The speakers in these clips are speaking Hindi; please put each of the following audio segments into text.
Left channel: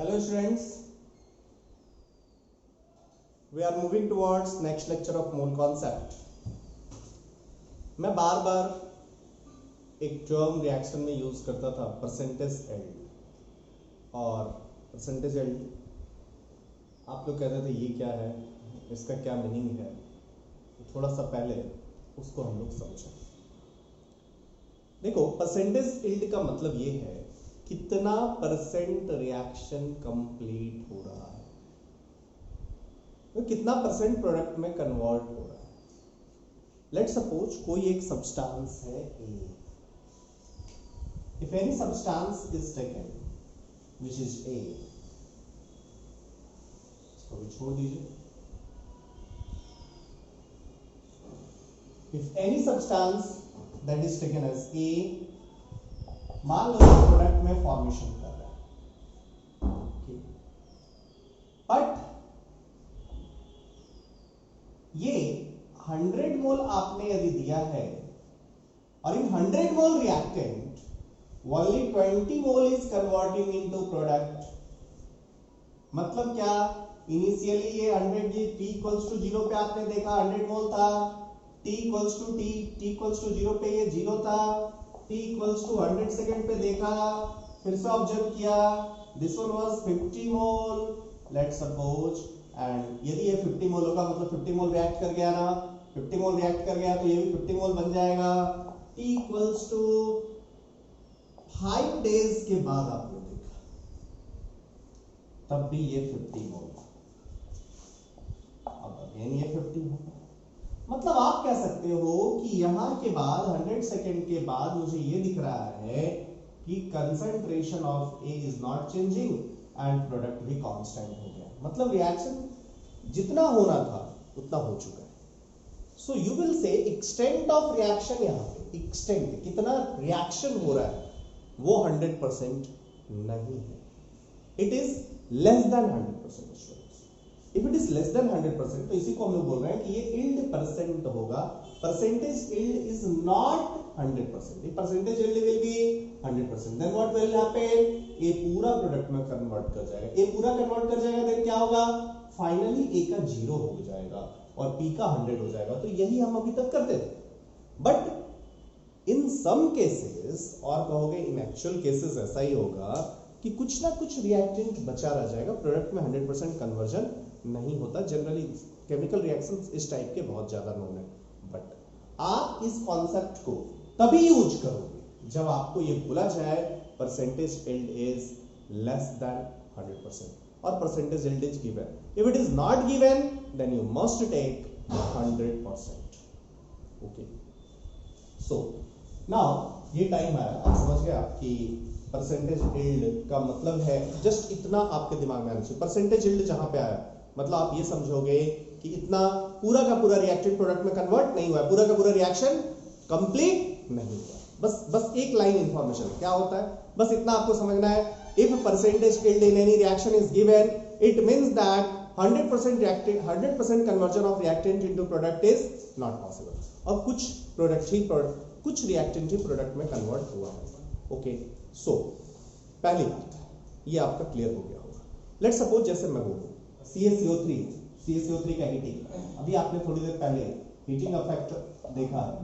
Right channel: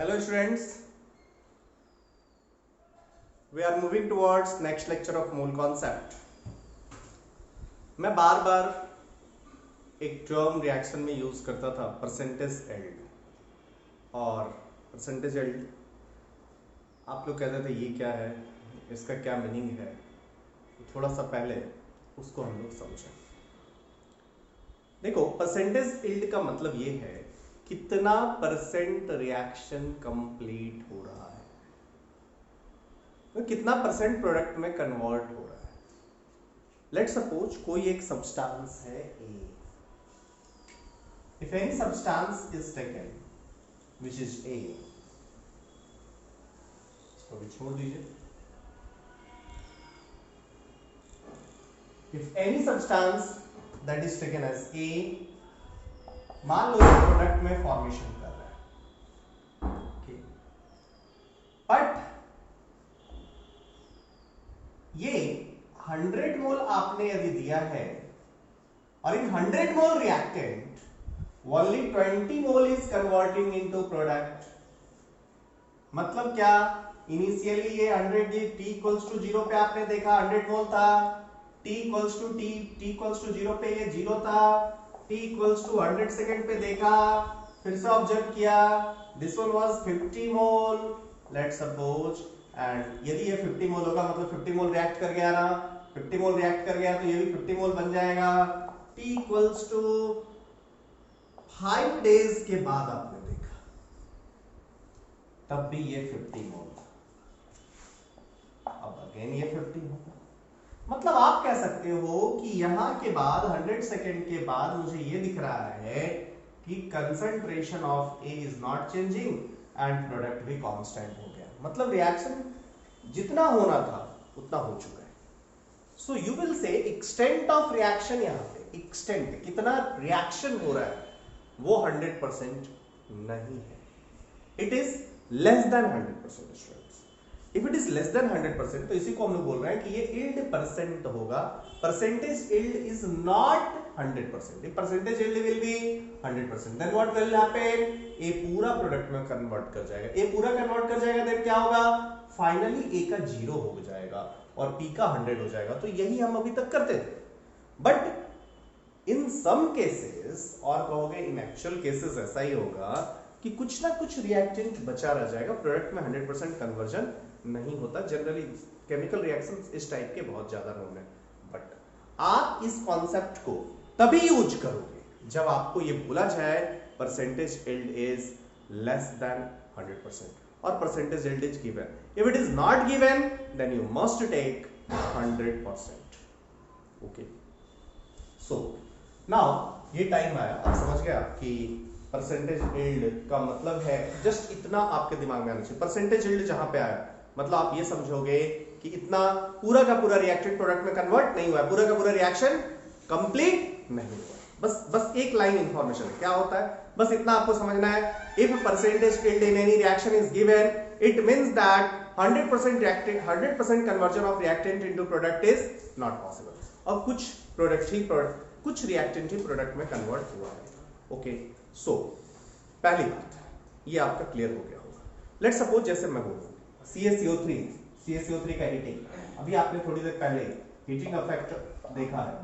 Hello students, we are moving towards next lecture of mole concept. मैं बार बार एक टर्म रिएक्शन में यूज करता था परसेंटेज एल्ड, और परसेंटेज एल्ड आप लोग कहते थे ये क्या है, इसका क्या मीनिंग है। थोड़ा सा पहले उसको हम लोग समझें। देखो, परसेंटेज एल्ड का मतलब ये है कितना परसेंट रिएक्शन कंप्लीट हो रहा है, तो कितना परसेंट प्रोडक्ट में कन्वर्ट हो रहा है। लेट्स सपोज कोई एक सब्सटेंस है A. If any substance is taken which is A, इसको भी छोड़ दीजिए। If any substance that is taken as A, मान लो प्रोडक्ट में फॉर्मेशन कर रहा है, बट ये 100 मोल आपने यदि दिया है और इन 100 mole reactant only 20 mole is converting into product. मतलब क्या, इनिशियली ये 100 t इक्वल्स टू 0 पे आपने देखा 100 मोल था, t इक्वल्स टू 0 पे ये 0 था, t इक्वल्स टू 100 सेकेंड पे देखा, फिर से ऑब्जर्व किया, this one was 50 mole let's suppose, and यदि ये 50 मोल होगा मतलब 50 मोल रिएक्ट कर गया ना, 50 मोल रिएक्ट कर गया तो ये भी 50 मोल बन जाएगा। t इक्वल्स टू 5 डेज के बाद आपने देखा तब भी ये 50 मोल, अब अगेन ये 50 मोल। मतलब आप कह सकते हो कि यहां के बाद 100 सेकेंड के बाद मुझे ये दिख रहा है कि concentration of A is not changing and product भी कांस्टेंट हो गया। मतलब रिएक्शन जितना होना था उतना हो चुका है। सो यू विल से एक्सटेंट ऑफ रिएक्शन, यहां पे एक्सटेंट कितना रिएक्शन हो रहा है वो 100% नहीं है, it is less than 100%। If it is less than 100% तो इसी को हम लोग बोल रहे हैं कि ये इल्ड परसेंट होगा। Percentage yield is not 100%। If percentage yield will be 100%, then what will happen, A पूरा प्रोडक्ट में कन्वर्ट कर जाएगा। ए पूरा कन्वर्ट कर जाएगा देन क्या होगा, फाइनली ए का 0 हो जाएगा और पी का 100 हो जाएगा। तो यही हम अभी तक करते थे, बट इन सम केसेस, और कहोगे इन एक्चुअल केसेस ऐसा ही होगा कि कुछ ना कुछ रिएक्टेंट बचा रह जाएगा, प्रोडक्ट में 100% कन्वर्जन नहीं होता। जनरली केमिकल रिएक्शंस इस टाइप के बहुत ज्यादा नोन है, बट आप इस कॉन्सेप्ट को तभी यूज करोगे जब आपको ये बोला जाए percentage yield is less than 100% और percentage yield is given. If it is not given then you must take 100%। Okay, so now ये टाइम आया, आप समझ गया कि परसेंटेज इल्ड का मतलब है, जस्ट इतना आपके दिमाग में आना चाहिए। परसेंटेज इल्ड जहां पे आया मतलब आप ये समझोगे कि इतना पूरा का पूरा रिएक्टेंट प्रोडक्ट में कन्वर्ट नहीं हुआ है, पूरा का पूरा रिएक्शन कंप्लीट नहीं हुआ है। बस एक लाइन इंफॉर्मेशन है, क्या होता है, बस इतना आपको समझना है। If percentage yield in any reaction is given, it means that 100% conversion of reactant into product is not possible. और कुछ रिएक्टेंट ही प्रोडक्ट में कन्वर्ट हुआ है। ओके, सो पहली बात ये आपका क्लियर हो गया होगा। लेट्स सपोज जैसे मैं बोलूं CaCO3 का हीटिंग, अभी आपने थोड़ी देर पहले हीटिंग इफेक्ट देखा है।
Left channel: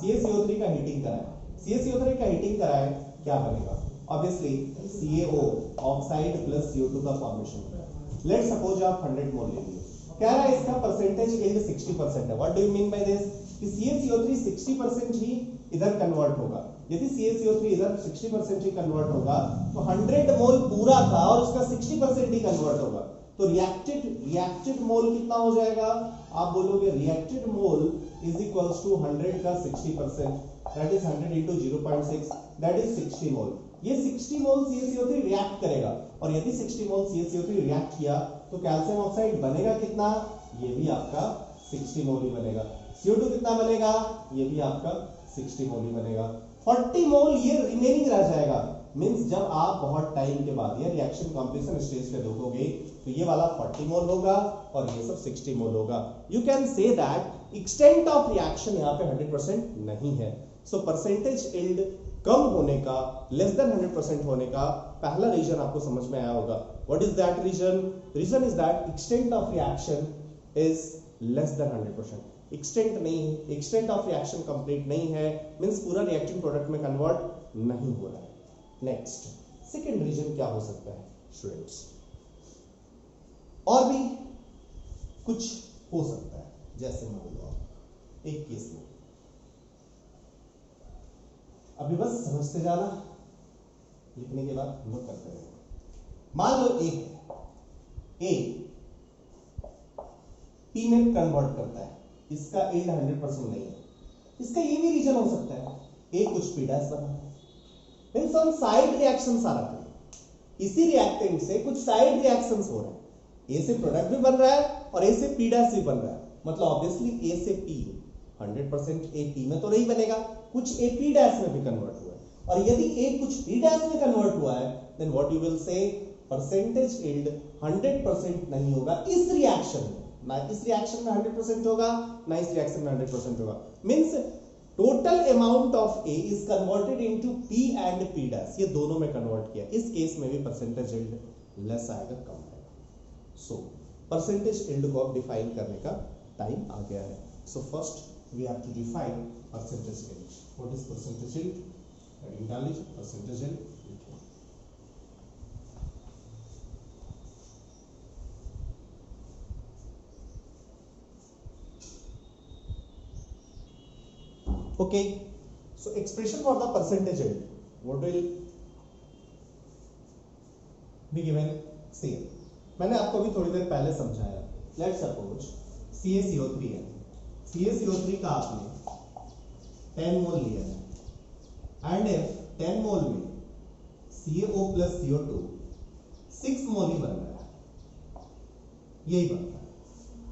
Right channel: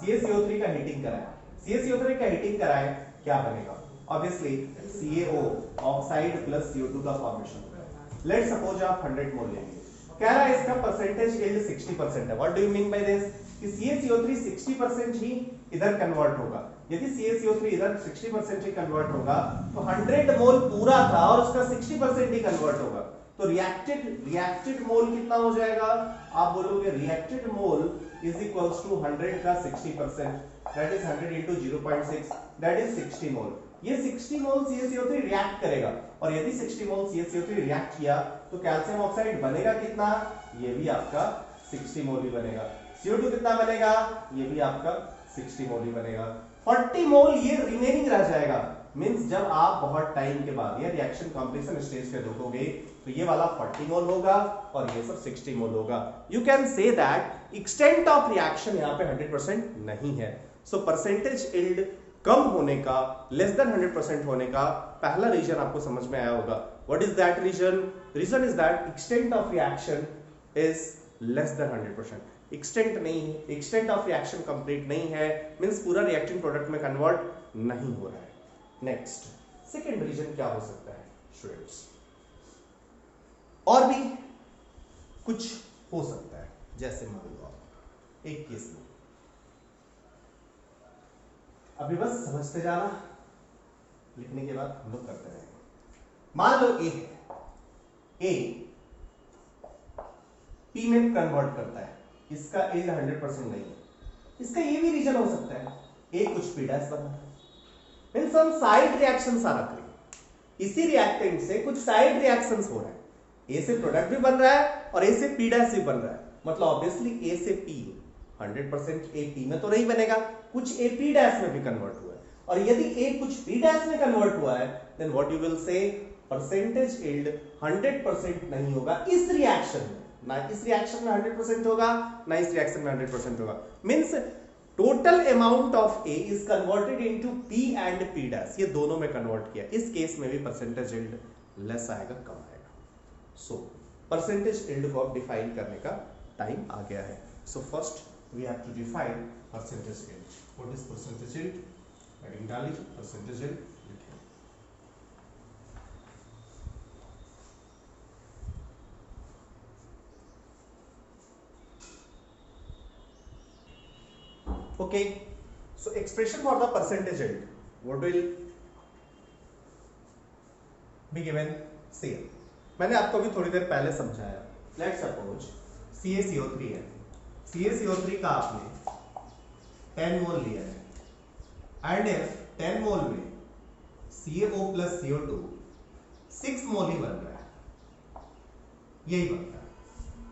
CaCO3 का हीटिंग कराए, CaCO3 का हीटिंग कराए क्या बनेगा, obviously CaO oxide plus CO2 का फॉर्मेशन होगा। लेट्स सपोज आप 100 मोल ले लिए, कह रहा है इसका परसेंटेज इल्ड 60% है। What do you mean by this, कि CaCO3 60% ही इधर कन्वर्ट होगा। यदि CaCO3 इधर 60% ही कन्वर्ट होगा तो 100 मोल पूरा था और उसका 60% ही कन्वर्ट होगा, तो रिएक्टेड मोल कितना हो जाएगा, आप बोलोगे reacted mole is equals to 100 का 60%, that is 100 into 0.6, that is 60 mole. ये 60 मोल CaCO3 रिएक्ट करेगा, और यदि 60 मोल CaCO3 रिएक्ट किया तो कैल्शियम ऑक्साइड बनेगा कितना, ये भी आपका 60 मोल ही बनेगा। CO2 कितना बनेगा, ये भी आपका 60 मोल ही बनेगा। 40 मोल ये रिमेनिंग रह जाएगा। मींस जब आप बहुत टाइम के बाद ये रिएक्शन कंप्लीशन स्टेज पे देखोगे तो ये वाला 40 मोल होगा और ये सब 60 मोल होगा। You can say that extent of reaction यहाँ पे 100% नहीं है। सो परसेंटेज इल्ड कम होने का, लेस देन 100% होने का पहला रीजन आपको समझ में आया होगा. What is that reason? Reason is that extent of reaction is less than 100%. Extent नहीं है, एक्सटेंट ऑफ रिएक्शन कंप्लीट नहीं है, मींस पूरा रिएक्टिंग प्रोडक्ट में कन्वर्ट नहीं हो रहा है. नेक्स्ट सेकेंड रीजन क्या हो सकता है स्टूडेंट्स? और भी कुछ हो सकता है, जैसे मान लो एक केस में, अभी बस समझते जाना, लिखने के बाद हम लोग करते रहेंगे. मान लो ए है, ए पी में कन्वर्ट करता है, इसका यील्ड 100% नहीं है. इसका ये भी रीजन हो सकता है, ए कुछ पी डैश बना है, मींस हम साइड रिएक्शंस आ रहे हैं, इसी रिएक्टेंट से कुछ साइड रिएक्शंस हो रहे हैं. ए से प्रोडक्ट भी बन रहा है और ए से पी डैश भी बन रहा है, मतलब ऑब्वियसली ए से पी 100% ए पी में तो नहीं बनेगा, कुछ ए पी डैश में भी कन्वर्ट हुआ है. और यदि ए कुछ पी डैश में कन्वर्ट हुआ है, then what you will say percentage yield 100% नहीं होगा इस रिएक्शन में. ना इस रिएक्शन में 100% होगा, ना इस रिएक्शन में 100% होगा. Means total amount of A is converted into P and P dash, ये दोनों में कन्वर्ट किया. इस केस में भी परसेंटेज यील्ड लेस आएगा, कम आएगा. सो परसेंटेज यील्ड को अब डिफाइन करने का टाइम आ गया है. So first we have to define percentage yield. What is percentage yield? Heading डालिए, परसेंटेज यील्ड लिखिए. Okay, so expression for the percentage yield, what will be given? See, मैंने आपको भी थोड़ी देर पहले समझाया. Let's suppose CaCO3 है, CaCO3 का आपने 10 मोल लिया है एंड 10 मोल में CaO प्लस CO2 6 मोल ही बन रहा है, यही बन रहा है.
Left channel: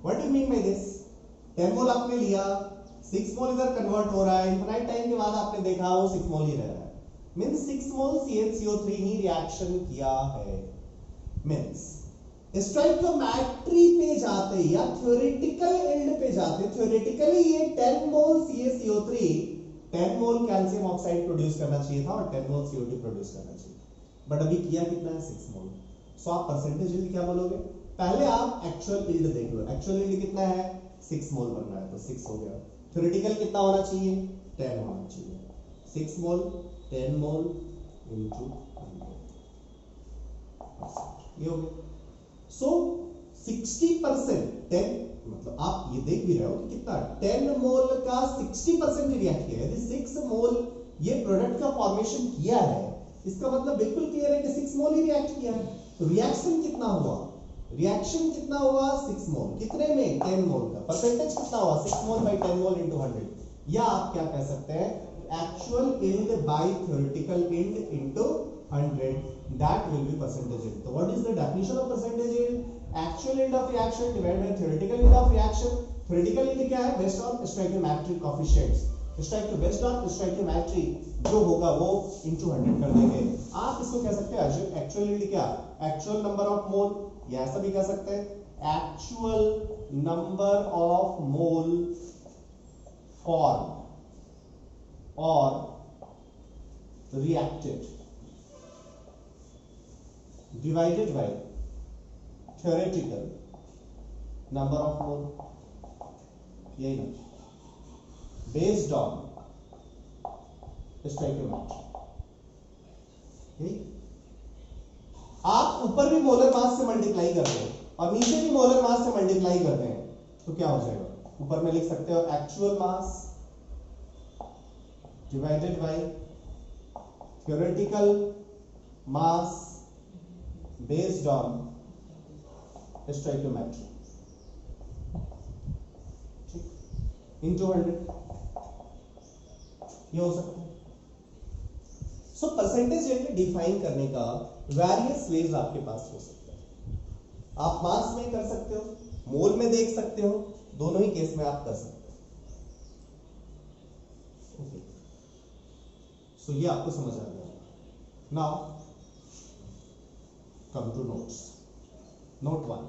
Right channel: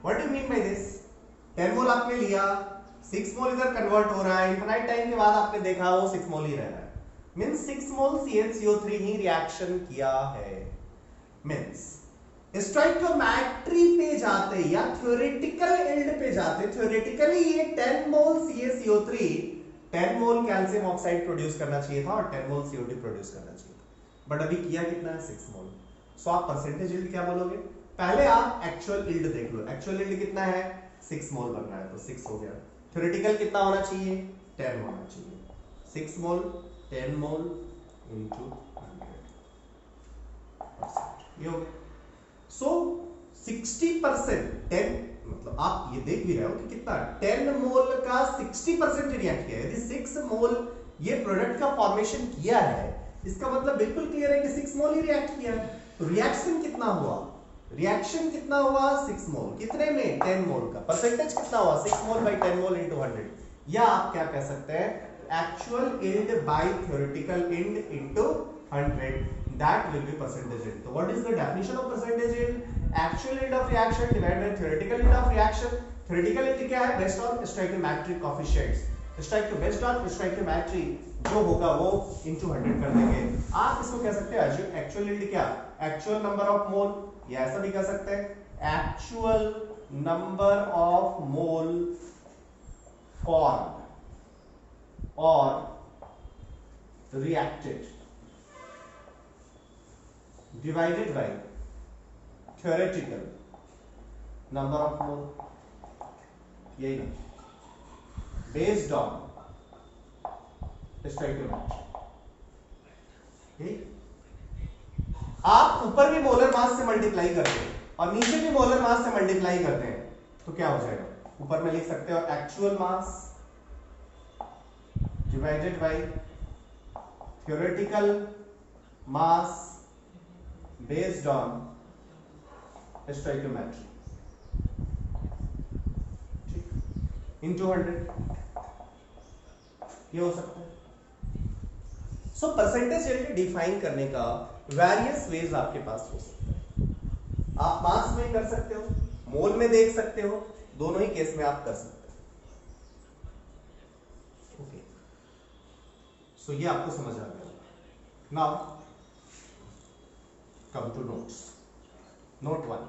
What do you mean by this? 10 मोल आपने लिया, 6 मोल इधर कन्वर्ट हो रहा है, इनफाइनाइट टाइम के बाद आपने देखा वो 6 मोल ही रह रहा है. मींस 6 मोल CaCO3 ही रिएक्शन किया है. मींस स्टोइकियोमेट्री पे जाते या थ्योरेटिकल यील्ड पे जाते, थ्योरेटिकली ये 10 मोल CaCO3 10 मोल कैल्शियम ऑक्साइड प्रोड्यूस करना चाहिए था और 10 मोल CO2 प्रोड्यूस करना चाहिए था, बट अभी किया कितना है? 6 मोल. सो आप परसेंटेज यील्ड क्या बोलोगे? पहले आप एक्चुअल यील्ड देख लो. एक्चुअल यील्ड कितना है? 6 मोल बन रहा है, तो 6 हो गया. थ्योरेटिकल कितना होना चाहिए? 10 होना चाहिए. 6 मोल 10 मोल इनटू 100%, ये हो गया. सो 60% 10, मतलब आप ये देख भी रहे हो कि कितना 10 मोल का 60% रिएक्ट किया है. यदि 6 मोल ये प्रोडक्ट का फॉर्मेशन किया है, इसका मतलब बिल्कुल क्लियर है कि 6 मोल ही रिएक्ट किया है. तो रिएक्शन कितना हुआ? रिएक्शन कितना हुआ? 6 मोल. कितने में? 10 मोल का. परसेंटेज कितना हुआ? 6 मोल बाय 10 मोल इनटू 100. या आप क्या कह सकते हैं? Actual yield by theoretical yield into 100, that will be percentage yield. So what is the definition of percentage yield? Actual yield of reaction divided by theoretical yield of reaction. Theoretical yield क्या है? Based on stoichiometric coefficients. Based on stoichiometry जो होगा वो into 100 कर देंगे. आप इसको कह सकते हैं actual yield क्या? Actual number of mole, या ऐसा भी कह सकते हैं actual number of mole formed or reacted divided by theoretical number of mole, यही ना, based on stoichiometry. आप ऊपर भी मोलर मास से मल्टीप्लाई करते हैं और नीचे भी मोलर मास से मल्टीप्लाई करते हैं, तो क्या हो जाएगा? ऊपर में लिख सकते हो actual mass divided by theoretical mass based on stoichiometry, ठीक, into 100, ये हो सकता है. सो परसेंटेज यील्ड डिफाइन करने का वेरियस वेज आपके पास हो सकता है. आप मास में कर सकते हो, मोल में देख सकते हो, दोनों ही केस में आप कर सकते हो. ओके, सो ये आपको समझ आ गया. Now come to notes. Note 1,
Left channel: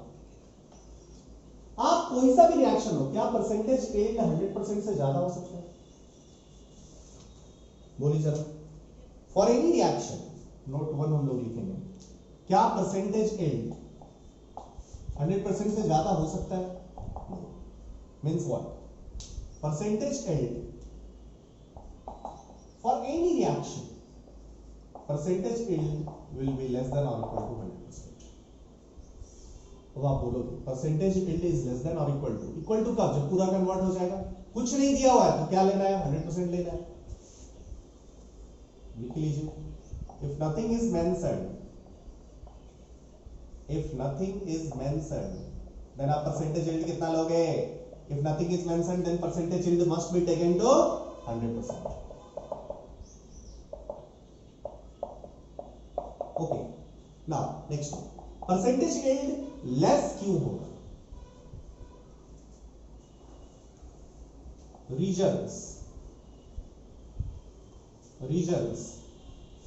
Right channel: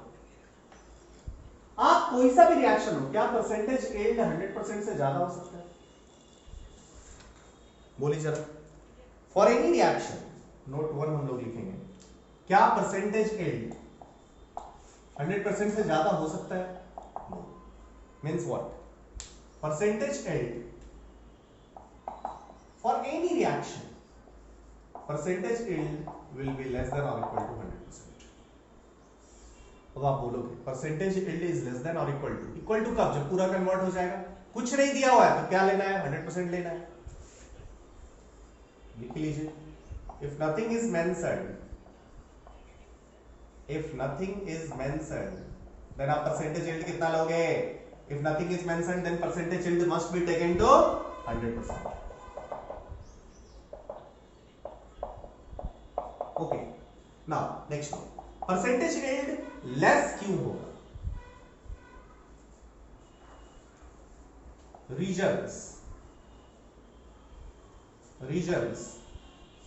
आप कोई सा भी रिएक्शन हो, क्या परसेंटेज यील्ड 100% से ज्यादा हो सकता है? बोलिए जरा. फॉर एनी रिएक्शन, नोट 1 हम लोग लिखेंगे, क्या परसेंटेज एल्ड 100% से ज्यादा हो सकता है? Means what? Percentage yield for any reaction, percentage yield will be less than और इक्वल टू 100%। तो आप बोलोगे percentage yield is less than और इक्वल टू कब? जब पूरा कन्वर्ट हो जाएगा। कुछ नहीं दिया हुआ है तो क्या लेना है? 100% लेना है। लिख लीजिए, if nothing is mentioned, if nothing is mentioned, then आप percentage yield कितना लोगे? If nothing is mentioned, then percentage yield must be taken to 100%. Okay. Now next one. Percentage yield less क्यों होगा? Regions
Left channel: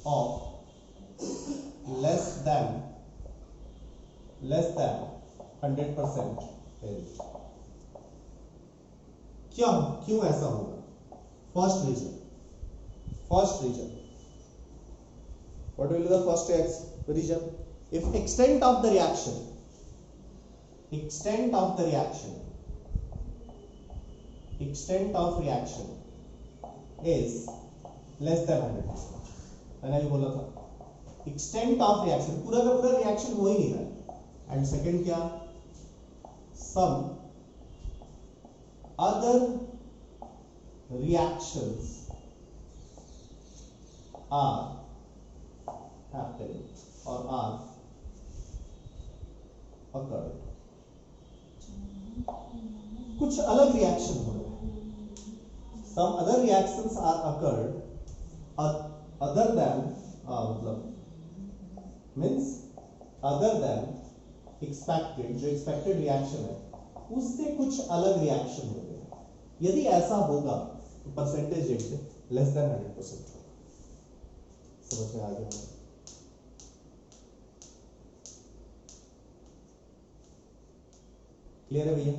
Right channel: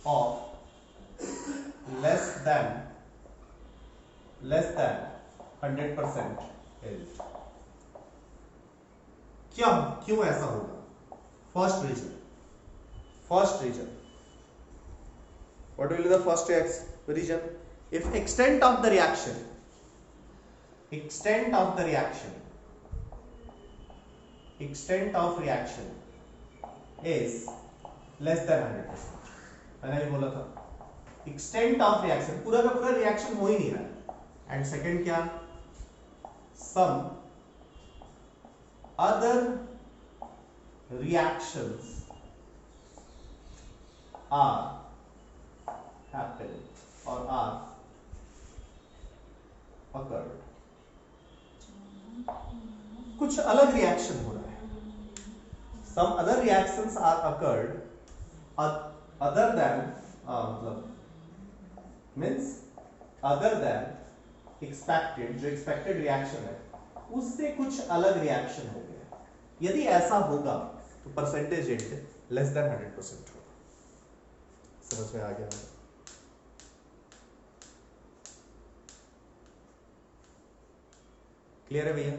of less than 100% yield, क्यों ऐसा होगा? First reason, what will be the first reason? If extent of the reaction is less than 100%, मैंने भी बोला था एक्सटेंट ऑफ रिएक्शन, पूरा का पूरा रिएक्शन हो ही नहीं रहा। एंड सेकंड क्या? Some other reactions are happening और आर अकर्ड, कुछ अलग रिएक्शन हो रहे हैं। Some other reactions are occurred other than मतलब मीन्स अदर देन एक्सपेक्टेड, जो एक्सपेक्टेड रिएक्शन है उससे कुछ अलग रिएक्शन हो गया। यदि ऐसा होगा तो परसेंटेज रेट लेस देन 100% होगा। समझ में आ गया? क्लियर है भैया?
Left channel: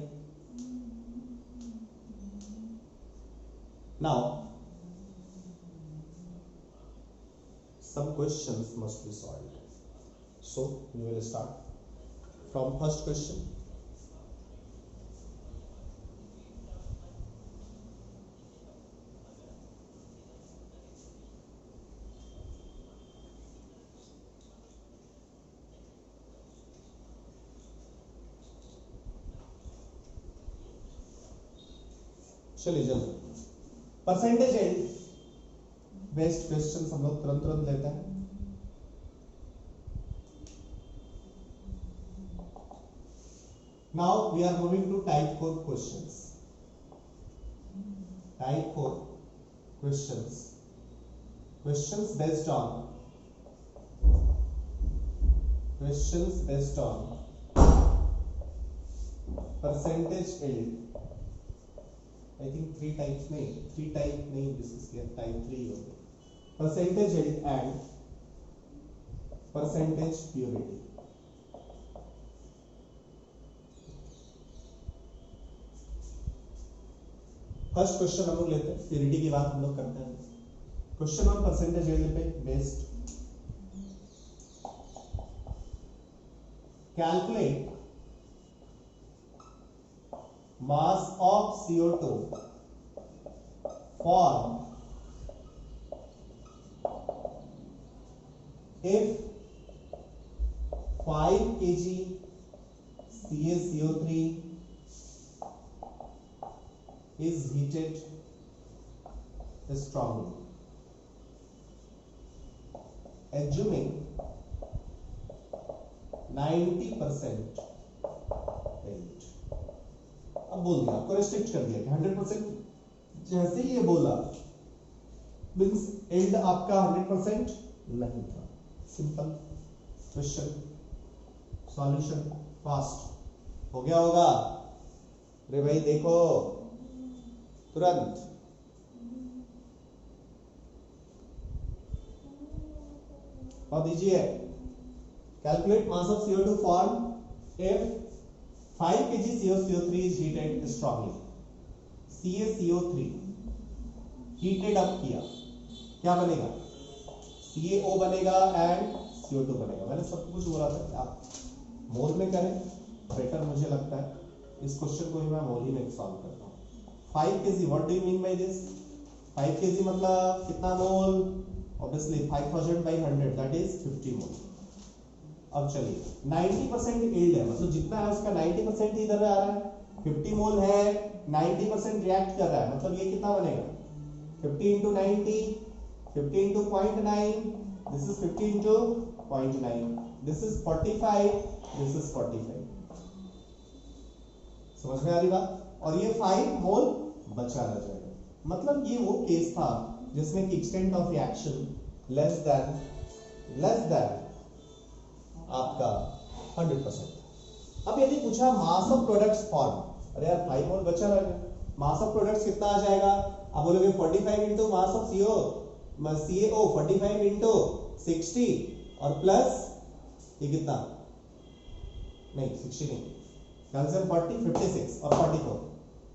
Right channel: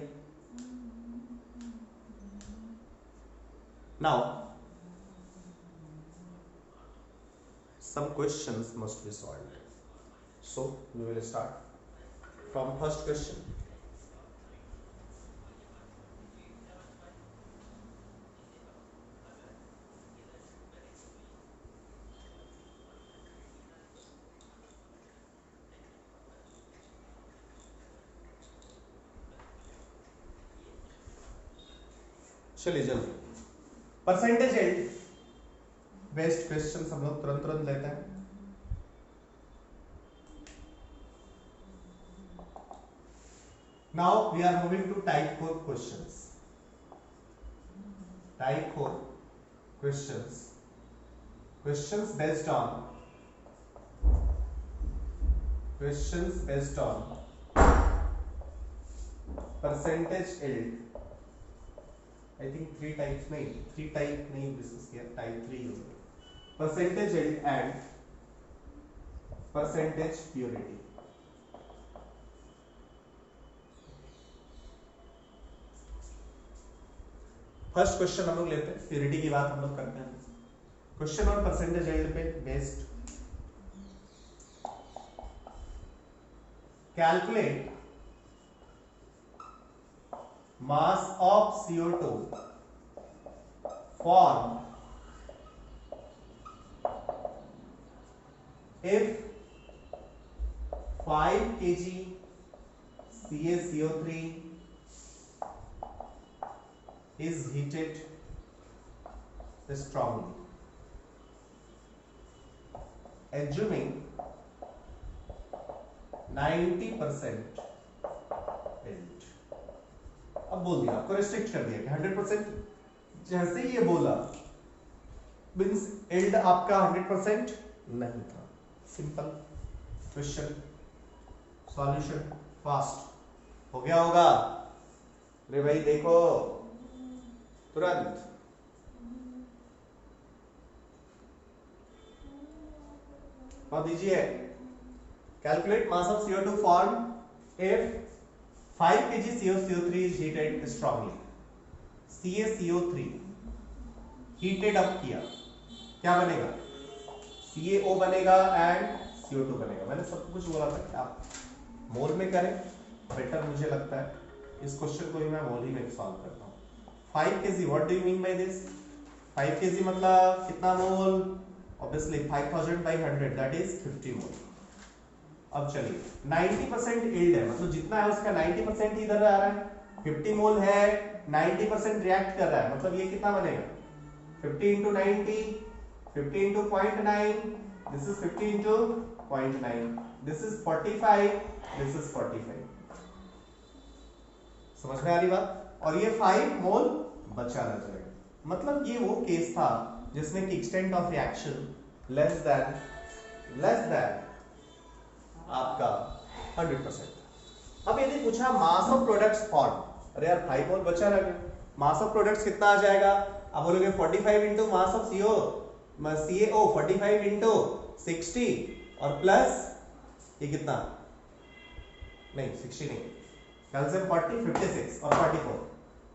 Now some questions must be solved, so we will start from first question. चलिए जल्दी परसेंटेज एल्ड बेस्ट क्वेश्चन हम लोग तुरंत लेते हैं। Now we are moving to type 4 questions. Type 4 questions. Questions based on percentage yield. I think 3 types नहीं डिस्कस किया, टाइप 3 हो गया। Percentage yield and percentage purity. First question हम लोग लेते हैं, प्योरिटी की बात हम लोग करते हैं। क्वेश्चन ऑन परसेंटेज yield पे based, calculate mass of CO2 formed if 5 kg CaCO3 is heated strongly, assuming 90% yield। अब बोल दिया, आपको रिस्ट्रिक्ट कर दिया कि 100%, जैसे ही ये बोला मींस yield आपका 100% नहीं था। सिंपल क्वेश्चन, सॉल्यूशन फास्ट हो गया होगा। अरे भाई देखो तुरंत, और दीजिए calculate mass of CO2 form if 5 kg CaCO3 is heated strongly। CaCO3 heated up किया, क्या बनेगा? CaO बनेगा एंड CO2 बनेगा। मैंने सब कुछ बोला था कि आप मोल में करें बेटर मुझे लगता है। इस क्वेश्चन को भी मैं मोल ही में सॉल्व करता हूँ। 5 kg, what do you mean by this? 5 kg मतलब कितना मोल? ऑब्वियसली 5000 by 100 दैट इज 50 मोल। अब चलिए 90% यील्ड है, मतलब जितना है उसका 90% ही इधर आ रहा है। 50 मोल है, 90% रिएक्ट कर रहा है, मतलब ये कितना बनेगा? 50 into 90, 50 into 0.9, this is 50 into 0.9, this is 45, this is 45। समझ में आ रही बात? और ये 5 मोल बचा रह जाएगा। मतलब ये वो केस था जिसमें कि extent of reaction less than आपका 100%। अब यदि पूछा मास ऑफ प्रोडक्ट्स फॉर्म, अरे यार 5 मोल बचा रह गया, मास ऑफ प्रोडक्ट्स कितना आ जाएगा? आप बोलोगे 45 into mass of CaO 45 into 60 और प्लस ये कितना? नहीं 60 नहीं, कैल्शियम 40, 56 और 44।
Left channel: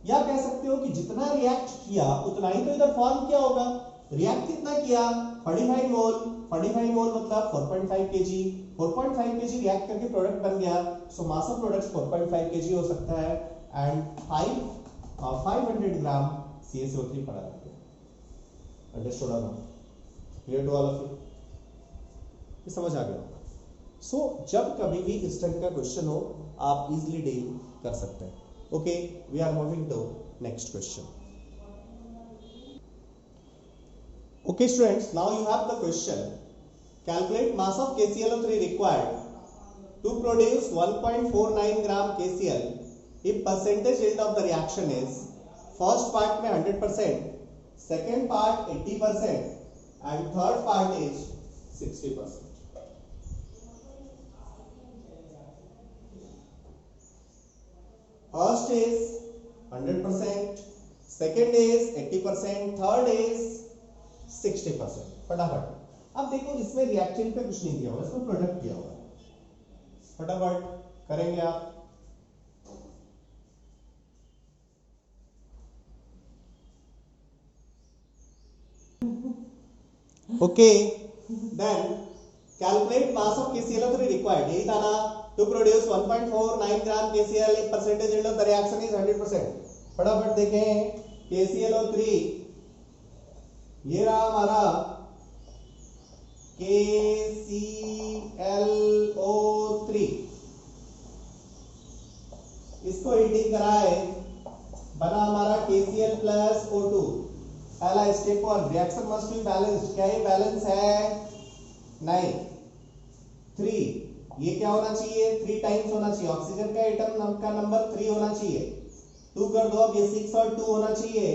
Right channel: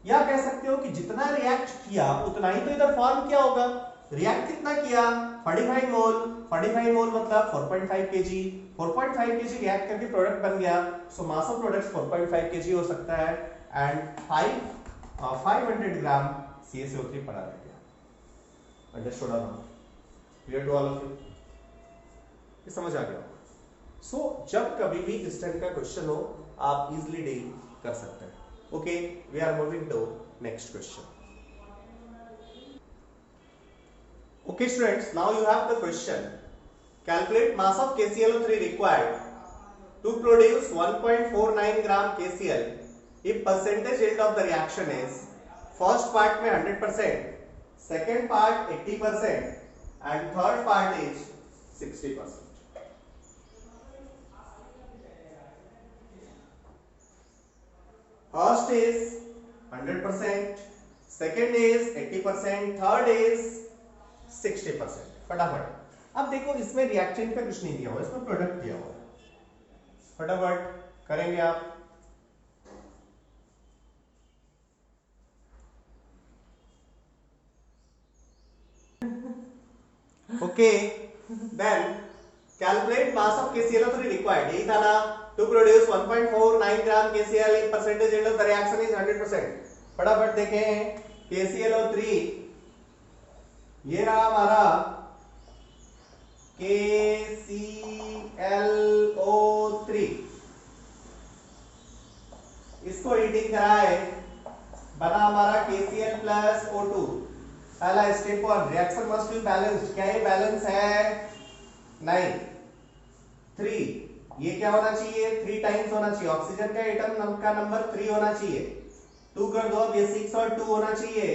या कह सकते हो कि जितना रिएक्ट किया उतना ही तो इधर फॉर्म किया होगा। रिएक्ट कितना किया? 45 मोल। 45 मोल मतलब 4.5 kg। 4.5 kg रिएक्ट करके प्रोडक्ट बन गया, सो मास ऑफ प्रोडक्ट्स 4.5 kg हो सकता है एंड 500 ग्राम CaCO3 पड़ा रह गया। अंडरस्टूड और not? Clear to all of you? ये समझ आ गया? सो जब कभी भी इस टाइप का क्वेश्चन हो आप इजीली डील कर सकते हैं। Okay, we are moving to next question. Okay students, now you have the question. Calculate mass of KClO3 required to produce 1.49 gram KCl if percentage yield of the reaction is first part में 100%, second part 80% and third part is 60%. First is 100%, second is 80%, third is 60%। फटाफट अब देखो इसमें रिएक्टेंट का कुछ नहीं दिया हुआ, इसमें प्रोडक्ट दिया हुआ है। फटाफट करेंगे आप। Okay, then calculate mass of KClO3 required, यही था ना, to produce 1.49 gram KCl if percentage yield of the reaction is 100%। फटाफट देखें KClO3, ये रहा हमारा KClO3, इसको हीटिंग कराए, बना हमारा KCl प्लस O2। पहला step 1, reaction must be balanced. क्या ये बैलेंस है? नहीं। 3, ये क्या होना चाहिए? 3 टाइम्स होना चाहिए, ऑक्सीजन का एटम का नंबर 3 होना चाहिए। 2 कर दो, अब ये 6 और 2 होना चाहिए,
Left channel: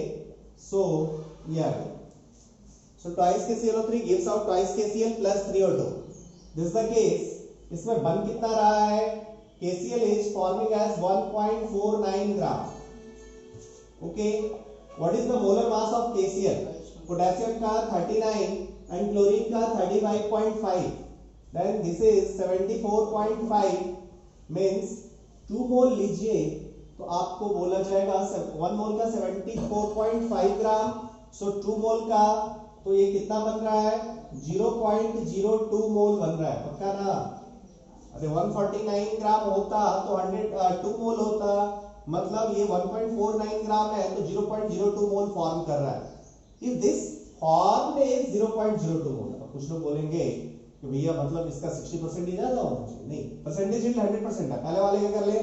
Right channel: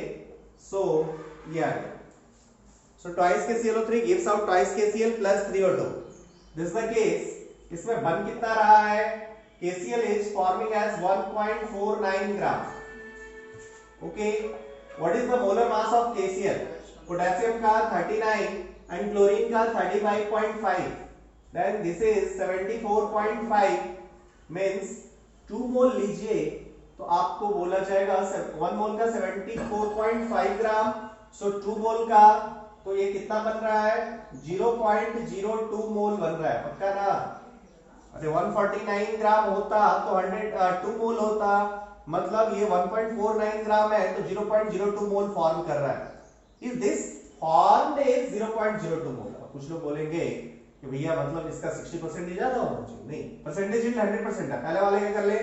सो ये आ गया। So twice KClO3 gives out twice KCl plus 3 O2. This is the case. इसमें बन कितना रहा है? KCl is forming as 1.49 gram. Okay. What is the molar mass of KCl? Potassium का 39 and chlorine का 35.5. Then this is 74.5 means 2 मोल लीजिए तो आपको बोला जाएगा 1 मोल का 74.5 ग्राम। So 2 मोल का तो ये कितना बन रहा है? 0.02 मोल बन रहा है, पक्का ना? अरे 149 ग्राम होता तो 2 मोल होता, मतलब ये 1.49 ग्राम है तो 0.02 मोल फॉर्म कर रहा है। इफ दिस फॉर्म इज 0.02 मोल। अब कुछ लोग बोलेंगे कि भैया मतलब इसका 60% ही ज्यादा होना चाहिए। नहीं, परसेंटेज यील्ड 100% है। पहले वाले क्या कर ले,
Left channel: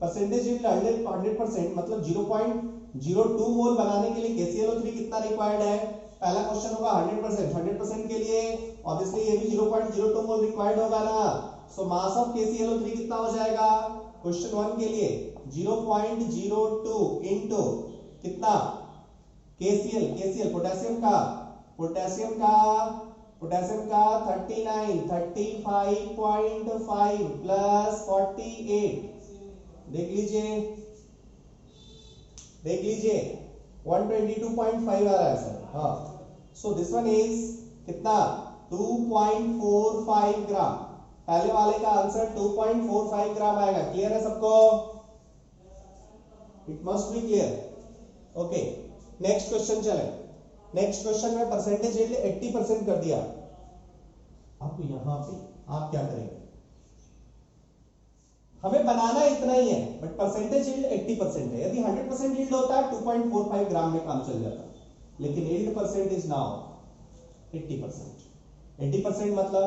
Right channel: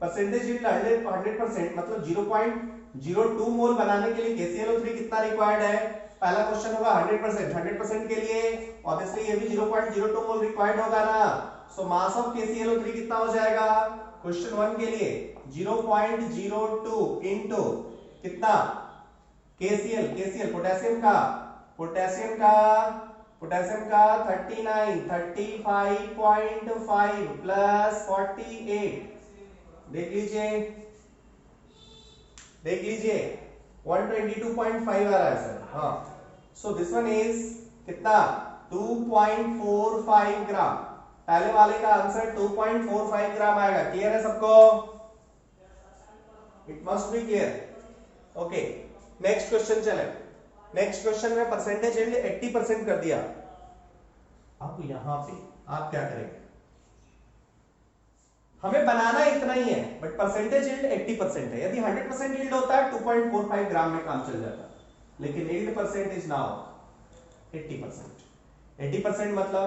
परसेंटेज यील्ड 100% मतलब 0.02 मोल बनाने के लिए KClO3 कितना रिक्वायर्ड है? पहला क्वेश्चन होगा 100%। 100% के लिए ऑब्वियसली ये भी 0.02 मोल रिक्वायर्ड होगा ना। सो मास ऑफ KClO3 कितना हो जाएगा क्वेश्चन 1 के लिए? 0.02 इनटू कितना? KCl पोटेशियम का 39 35.5 प्लस 48। देख लीजिए 122.5 आ रहा है सर। हाँ, सो दिस वन इज कितना? 2.45 ग्राम। पहले वाले का आंसर 2.45 ग्राम आएगा। क्लियर है सबको? It must be clear. Okay, next question चले। नेक्स्ट क्वेश्चन में परसेंटेज यील्ड 80% कर दिया। तो यहां पे आप क्या करेंगे, हमें बनाना इतना ही है बट परसेंटेज यील्ड 80% है। यदि 100% यील्ड होता है 2.45 ग्राम में काम चल जाता, लेकिन यील्ड परसेंटेज ना हो 80%। 80% मतलब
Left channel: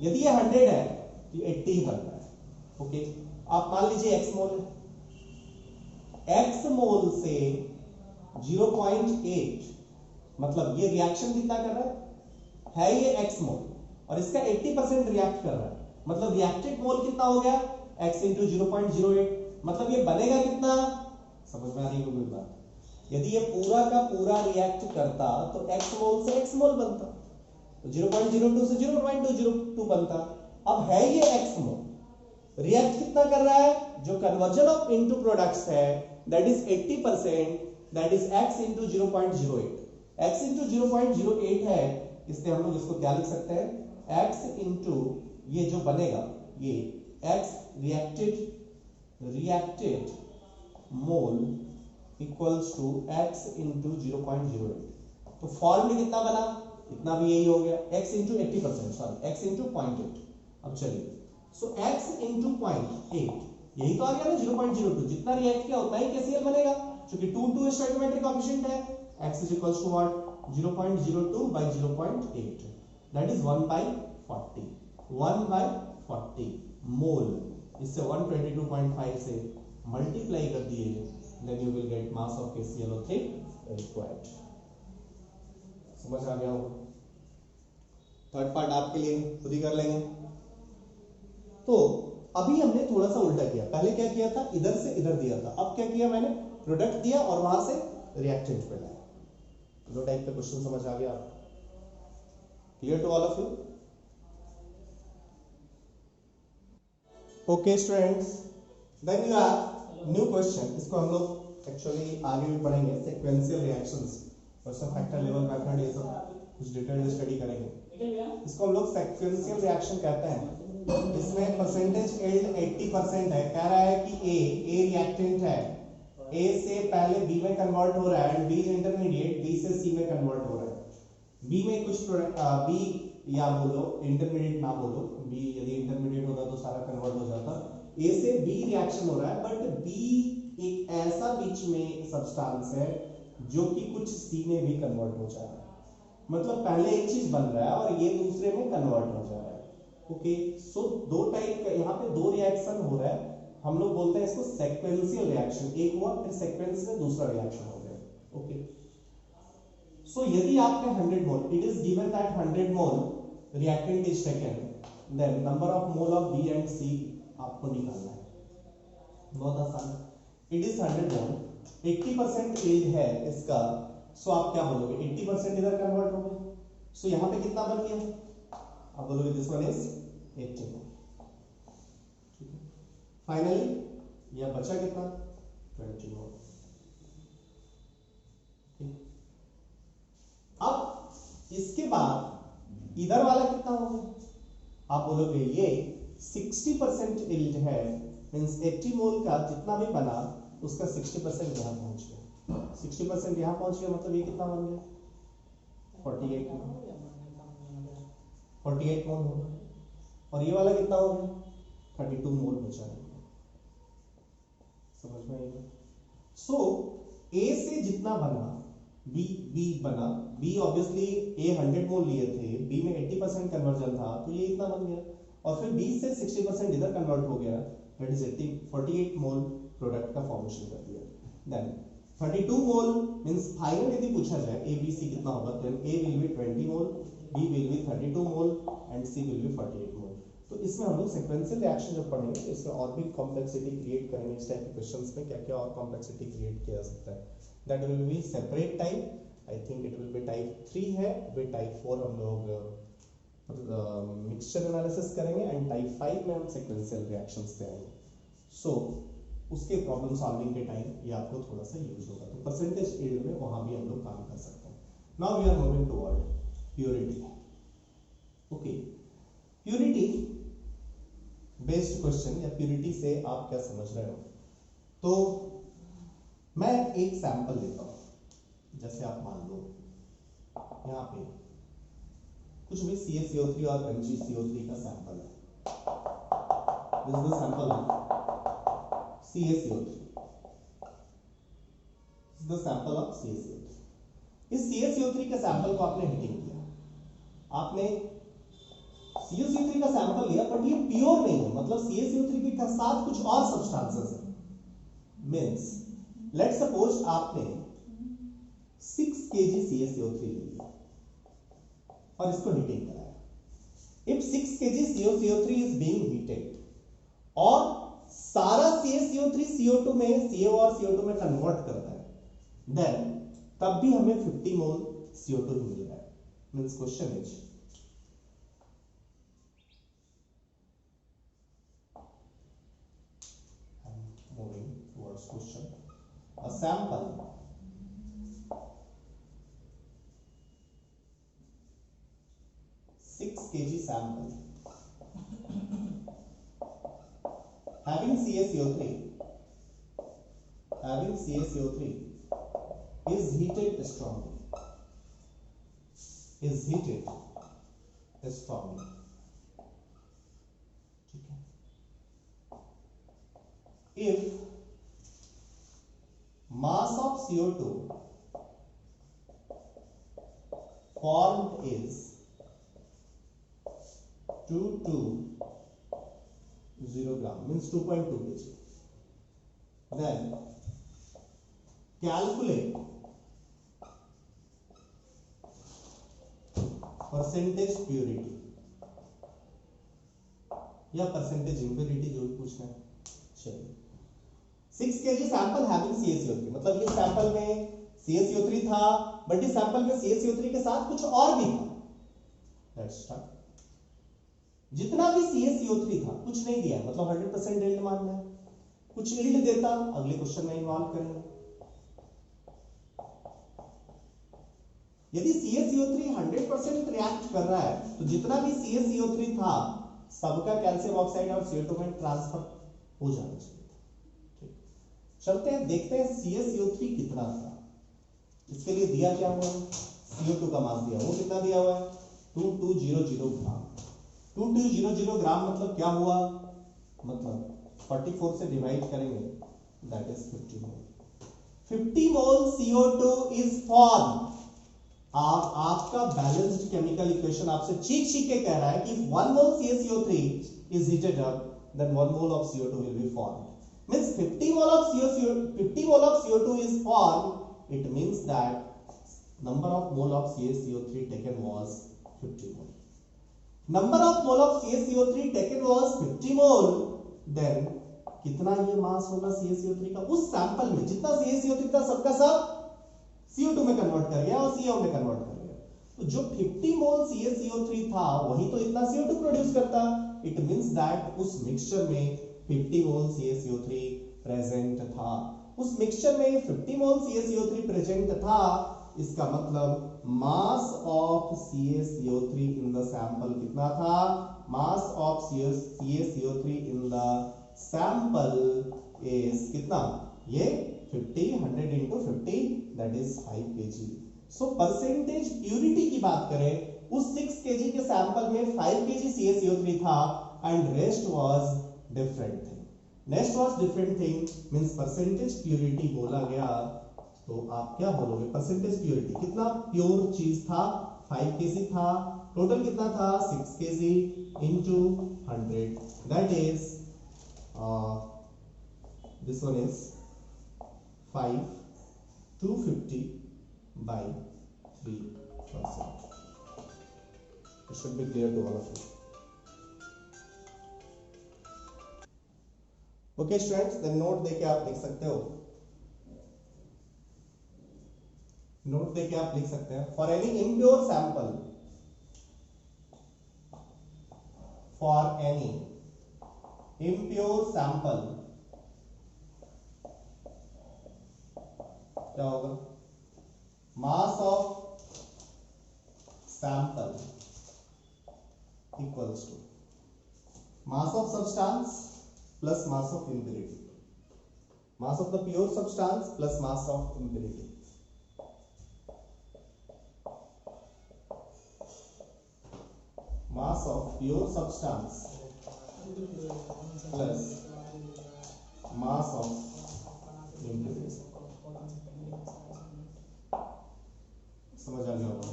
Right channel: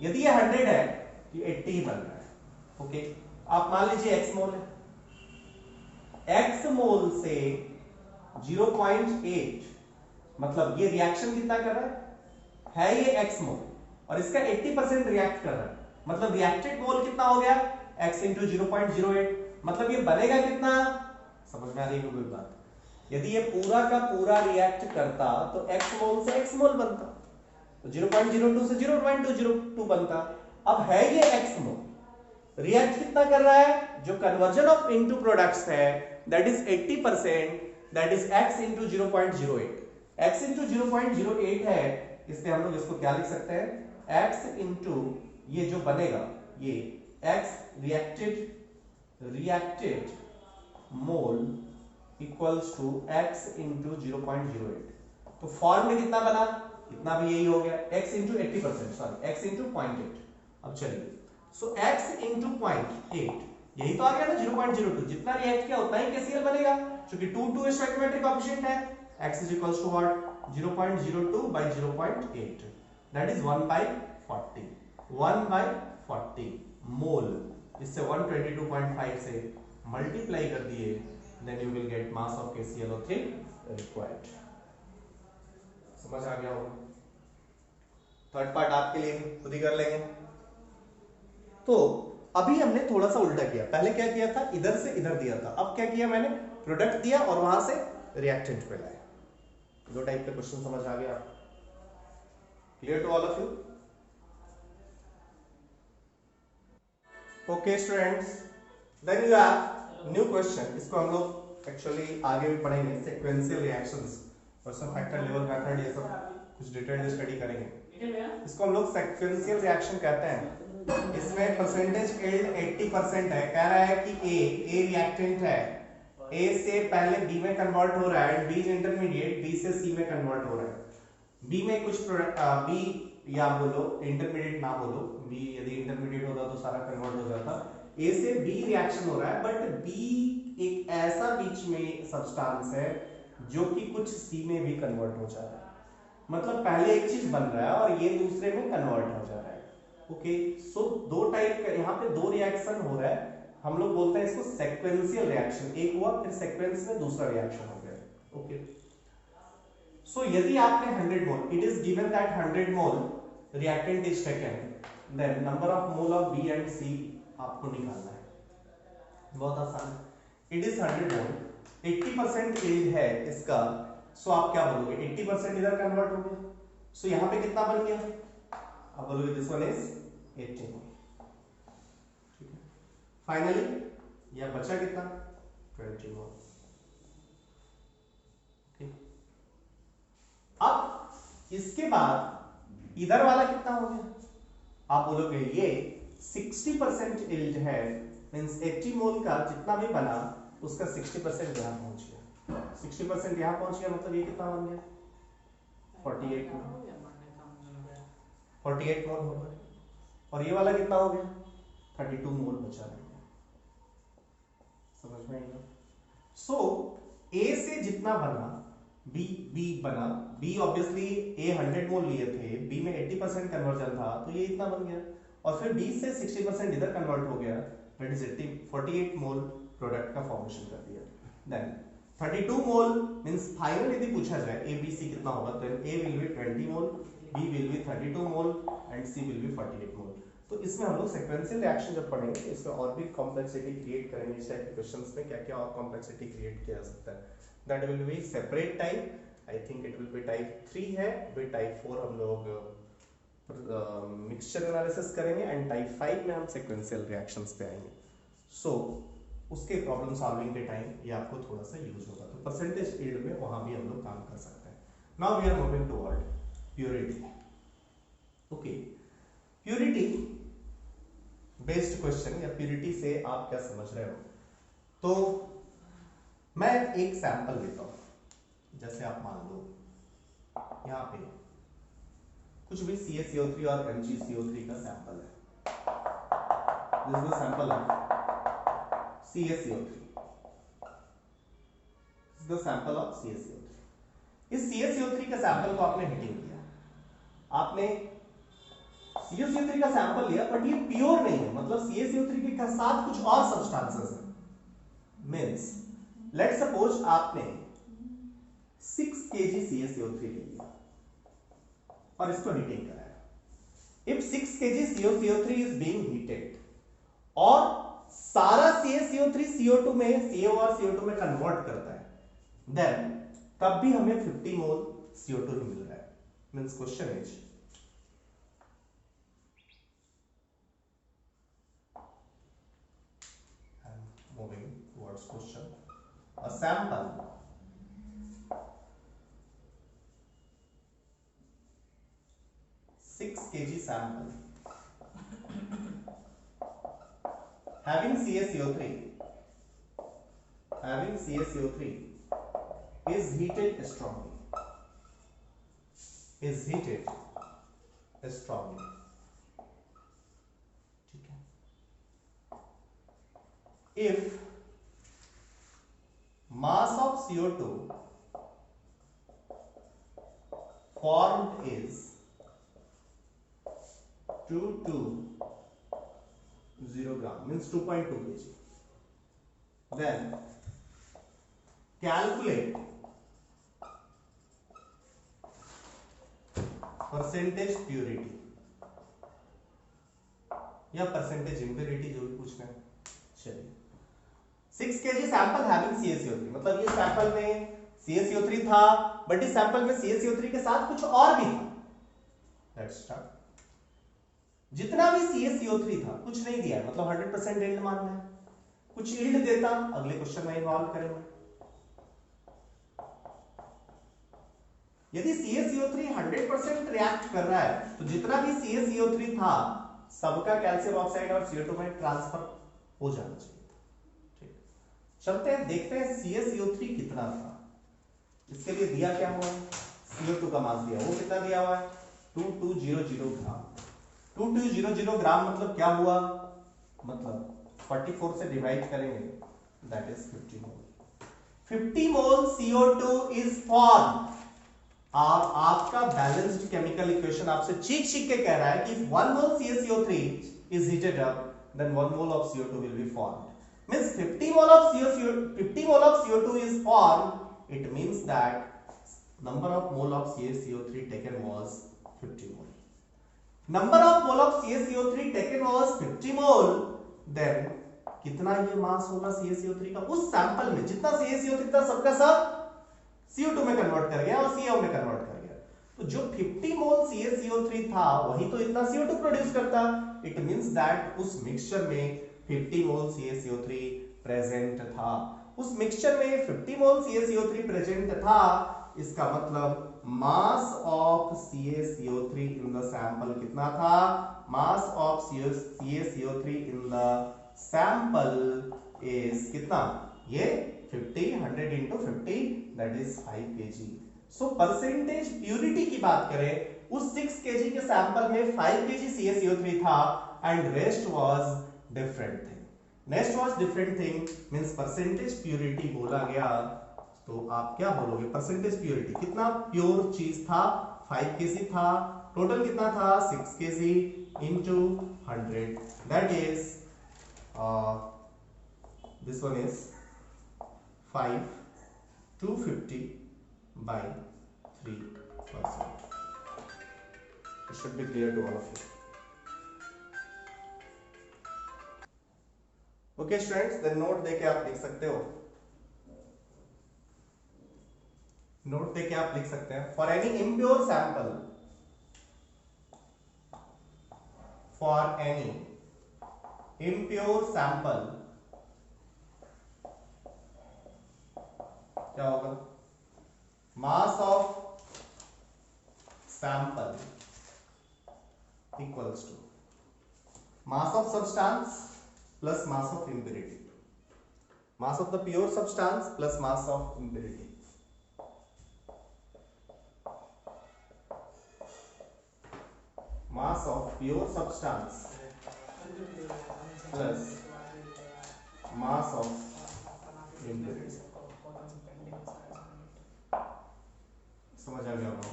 यदि ये 100 है तो 80 ही बन रहा है। ओके, आप मान लीजिए x मोल है, x मोल से 0.8 मतलब ये रिएक्शन कितना कर रहा है ये x मोल, और इसका 80% रिएक्ट कर रहा है, मतलब रिएक्टेड मोल कितना हो गया x इंटू 0.08, मतलब ये बनेगा कितना, समझ में आ रही है कोई बात? यदि ये पूरा का पूरा रिएक्ट करता तो x मोल से x मोल बनता, तो 0.02 से 0.202 बनता। अब है ये x मोल, रिएक्ट कितना कर रहा है, जो कन्वर्जन ऑफ इनटू प्रोडक्ट्स है that is 80%, that is x into 0.08। x into 0.08 है, इसलिए हम लोग इसको क्या लिख सकते हैं, x इंटू ये जो बनेगा ये x reacted mole equals to x into 0.08। तो फॉर्म में कितना बना, इतना भी यही हो गया, x into 80%, sorry x into 0.8। अब चलिए, सो x इंटू 0.8 यही तो आ गया ना 0.02, जितना रिएक्ट किया उतना ही KCl बनेगा, क्योंकि 2 स्टोइकियोमेट्रिक कोएफिशिएंट है। x is equals to what, 0.02 by 0.8, that is 1 by 40, 1 by 40 मोल। इससे 122.5 से मल्टीप्लाई कर दिए, then you will get mass of KClO3 required। समझ आ गया होगा? थर्ड पार्ट आपके लिए खुद ही कर लेंगे। तो अभी हमने थोड़ा सा उल्टा किया, पहले क्या किया था, इधर से इधर दिया था, अब क्या किया मैंने, प्रोडक्ट दिया और वहां से रिएक्टेंट पे लाया। दो टाइप के क्वेश्चन समझ आ गया आपको? Clear to all of you? Okay students, then you have new question. इसको हम लोग एक्चुअली आगे भी पढ़ेंगे, sequential reactions, person factor level method, ये सब कुछ डिटेल्ड स्टडी करेंगे। इसको हम लोग सीक्वेंशियल रिएक्शन कहते हैं। इसमें परसेंटेज यील्ड 80% है, कह रहा है कि ए रिएक्टेंट है, ए से पहले बी में कन्वर्ट हो रहा है, and B is intermediate, B से सी में कन्वर्ट हो रहा है। बी में कुछ बी या बोलो इंटरमीडिएट ना बोलो, बी यदि इंटरमीडिएट होता तो सारा कन्वर्ट हो जाता। ए से बी रिएक्शन हो रहा है, बट बी एक ऐसा बीच में सब्सटेंस है जो कि कुछ सी में भी कन्वर्ट हो जा रहा है, मतलब पहले एक चीज बन रहा है और ये दूसरे में कन्वर्ट हो जा रहा है। ओके, सो दो टाइप का यहाँ पे दो रिएक्शन हो रहा है, हम लोग बोलते हैं इसको सीक्वेंशियल रिएक्शन। एक हुआ फिर सीक्वेंस में दूसरा रिएक्शन हो गया। ओके, सो यदि आपके 100 मोल, it is given that 100 mole reactant is taken, then number of mole of B and C आपको निकालना है। बहुत आसान है। इट इज 100 मोल, 80% यील्ड है इसका, सो आप क्या बोलोगे, 80% इधर कन्वर्ट हो गया, सो यहां पे कितना बन गया, आप बोलोगे दिस वन इज 80 मोल। ठीक है, फाइनली यह बचा कितना, 20 मोल। अब इसके बाद इधर वाला कितना हो गया, आप बोलोगे ये 60% यील्ड है, मींस 80 मोल का जितना भी बना उसका 60% यहां पहुंच गया, 60% यहां पहुंच गया, मतलब ये कितना बन गया, 48 मोल, 48 मोल हो गया। और ये वाला कितना हो गया, 32 मोल बचा है। समझ में आएगा? सो ए से जितना बना बी बना, बी ऑब्वियसली ए 100 मोल लिए थे, बी में 80% कन्वर्जन था तो ये इतना बन गया, और फिर बी से 60% इधर कन्वर्ट हो गया, दैट इज 48 मोल प्रोडक्ट का फॉर्मेशन कर दिया। देन 32 मोल मींस फाइनल यदि पूछा जाए ए बी सी कितना होगा, तो A will be 20 mole, B will be 32 mole and C will be 48 mole. तो इसमें हम लोग सीक्वेंशियल रिएक्शन जब पढ़ेंगे इसमें और भी कॉम्प्लेक्सिटी क्रिएट करेंगे। इस टाइप के क्वेश्चंस में क्या क्या और कॉम्प्लेक्सिटी क्रिएट किया जा सकता है, that will be separate type. I think it will be type 3 है, फिर टाइप 4 हम लोग मिक्सचर एनालिसिस करेंगे, एंड टाइप 5 में हम सीक्वेंशियल रिएक्शंस पे आएंगे। सो उसके प्रॉब्लम सॉल्विंग के टाइम ये आपको थोड़ा सा यूज होगा, तो परसेंटेज यील्ड में वहां भी हम लोग काम कर सकते हैं। Now we are moving toward purity. Okay, purity based question या प्योरिटी से आप क्या समझ रहे हो, तो मैं एक सैंपल देता हूं। जैसे आप मान लो यहां पे कुछ भी CaCO3 और MgCO3 का सैंपल है। This is the sample of CaCO3, this is the sample of CaCO3। इस CaCO3 के सैंपल को आपने हीटिंग किया, आपने CaCO3 का सैंपल लिया, बट ये प्योर नहीं है, मतलब CaCO3 के साथ कुछ और सब्सटेंसेस है। मींस लेट्स सपोज आपने 6 kg CaCO3 लिया और इसको हीटिंग कराया। If 6 kg CaCO3 is being heated और सारा CaCO3 CO2 में, CO और CO2 में कन्वर्ट करता है, देन तब भी हमें 50 मोल CO2 ही मिल रहा है। Means question is moving towards question. A sample 6 kg sample having CaCO3 is heated strongly, ठीक है। If mass of CO2 formed is 220 gram, means 2.2 kg, then calculate percentage purity या percentage impurity, जो भी पूछना है। चलिए 6 kg सैंपल हैविंग CaCO3, मतलब ये सैंपल में CaCO3 था, बट इस सैंपल में CaCO3 के साथ कुछ और भी था। Let's start. जितना भी CaCO3 था कुछ नहीं दिया, मतलब 100% यील्ड मानना है। कुछ यील्ड देता अगले क्वेश्चन में इन्वॉल्व करेंगे। यदि CaCO3 100% रिएक्ट कर रहा है तो जितना भी CaCO3 था सबका कैल्शियम ऑक्साइड और CO2 में ट्रांसफर हो जाना चाहिए। ठीक, चलते हैं देखते हैं CaCO3 कितना था। इसके लिए दिया क्या हुआ है, CO2 का मास दिया, वो कितना दिया हुआ है 2200 ग्राम। 2200 ग्राम मतलब क्या हुआ, मतलब 44 से डिवाइड करेंगे, that is 50 mole. 50 mole CO2 is form. और आपका बैलेंस्ड केमिकल इक्वेशन आपसे चीख के कह रहा है कि 1 mole CaCO3 is heated up, then 1 mole of CO2 will be formed. Means 50 mole of CO2 is formed. It means that number of mole of CaCO3 taken was 50 mole. Number of mole of CaCO3 taken was 50 mole. Then कितना ये मास होगा CaCO3 का उस सैंपल में, जितना CaCO3 था सबका सब CO2 में कन्वर्ट कर गया और CO में कन्वर्ट कर गया। तो जो 50 मोल CaCO3 था वही तो इतना CO2 प्रोड्यूस करता। इट मींस दैट उस मिक्सचर में 50 मोल CaCO3 प्रेजेंट था। उस मिक्सचर में 50 मोल CaCO3 प्रेजेंट था, इसका मतलब mass of CaCO3 in the sample कितना था, mass of CaCO3 in the sample is कितना, ये 50 100 into 50 that is 5 kg. So percentage purity की बात करें, उस 6 kg के सैंपल में 5 kg CaCO3 था and rest was different thing. Rest was different thing means percentage purity बोला गया। तो आप क्या बोलोगे, परसेंटेज प्यूरिटी कितना प्योर चीज था, 5 kg था, टोटल कितना था 6 kg into 100, that is this one is 5 250 by 3%. It should be clear to all of you. Okay students, then note देके आप लिख सकते हो, नोट देके आप लिख सकते हैं, for any impure sample, for any impure sample क्या होगा, mass of sample equals to mass of substance plus mass of impurity, mass of the pure substance plus mass of impurity. mass of pure substance plus mass of impurity. समझ आ गया होगा?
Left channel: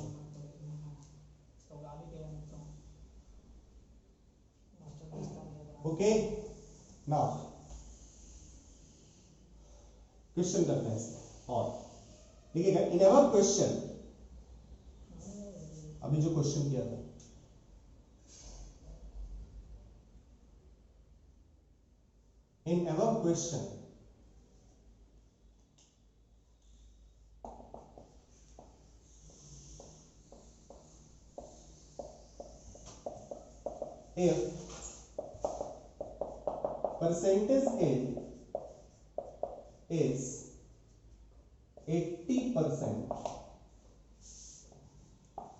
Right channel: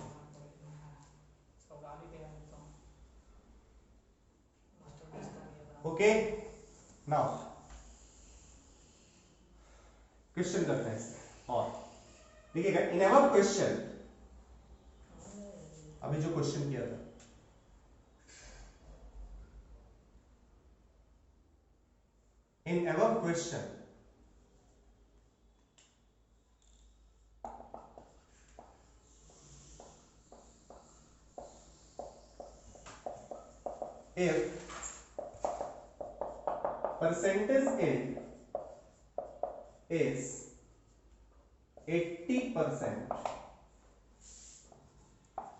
Okay, now क्वेश्चन करते हैं इसमें और देखिएगा इन एवर क्वेश्चन, अभी जो क्वेश्चन किया था in ever question if percentage yield is 80%,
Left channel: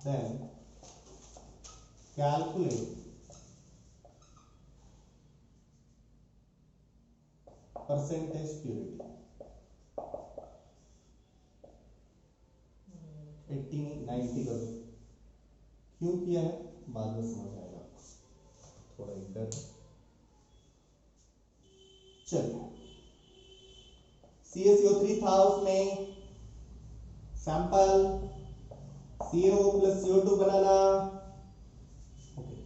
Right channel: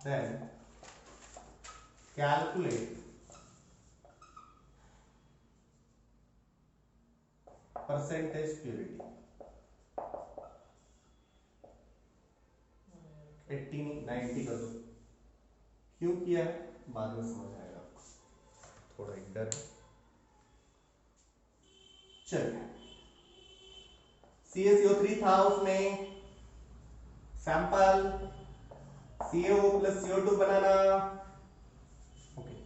then calculate percentage purity. 80 नहीं 90 कर दो। क्यों किया है बाद में समझ आएगा आपको, थोड़ा एक डर। चलिए CaCO3 था, उसमें सैंपल CO प्लस CO2 बनाना। ओके,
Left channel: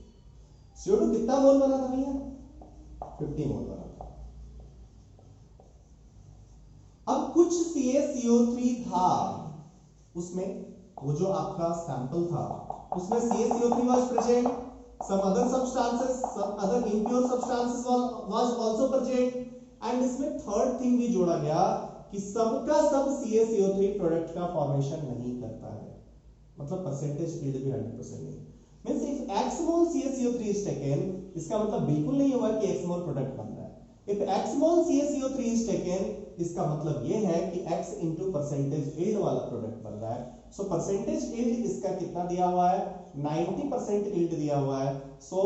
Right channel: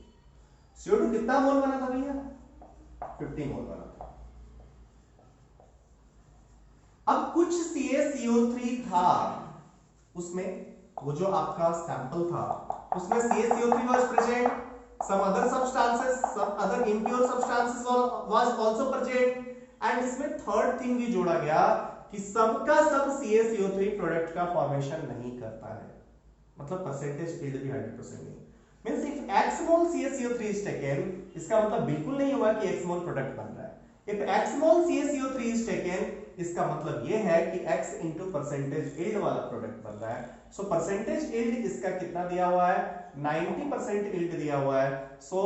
CO2 कितना मोल बना था भैया? 50 मोल बना था। अब कुछ CaCO3 था उसमें, वो जो आपका सैंपल था उसमें CaCO3 was present, some other substances, some other impure substances was also present, and इसमें थर्ड थिंग भी जोड़ा गया कि सबका सब CaCO3 प्रोडक्ट का फॉर्मेशन नहीं करता है, मतलब परसेंटेज यील्ड भी 100% नहीं। Means if x mole CaCO3 is taken, इसका मतलब बिल्कुल नहीं होगा कि x मोल प्रोडक्ट बन रहा है। If x mole CaCO3 is taken, इसका मतलब ये है कि x into परसेंटेज यील्ड वाला प्रोडक्ट बन रहा है। सो परसेंटेज यील्ड इसका कितना दिया हुआ है? 90% यील्ड दिया हुआ है। So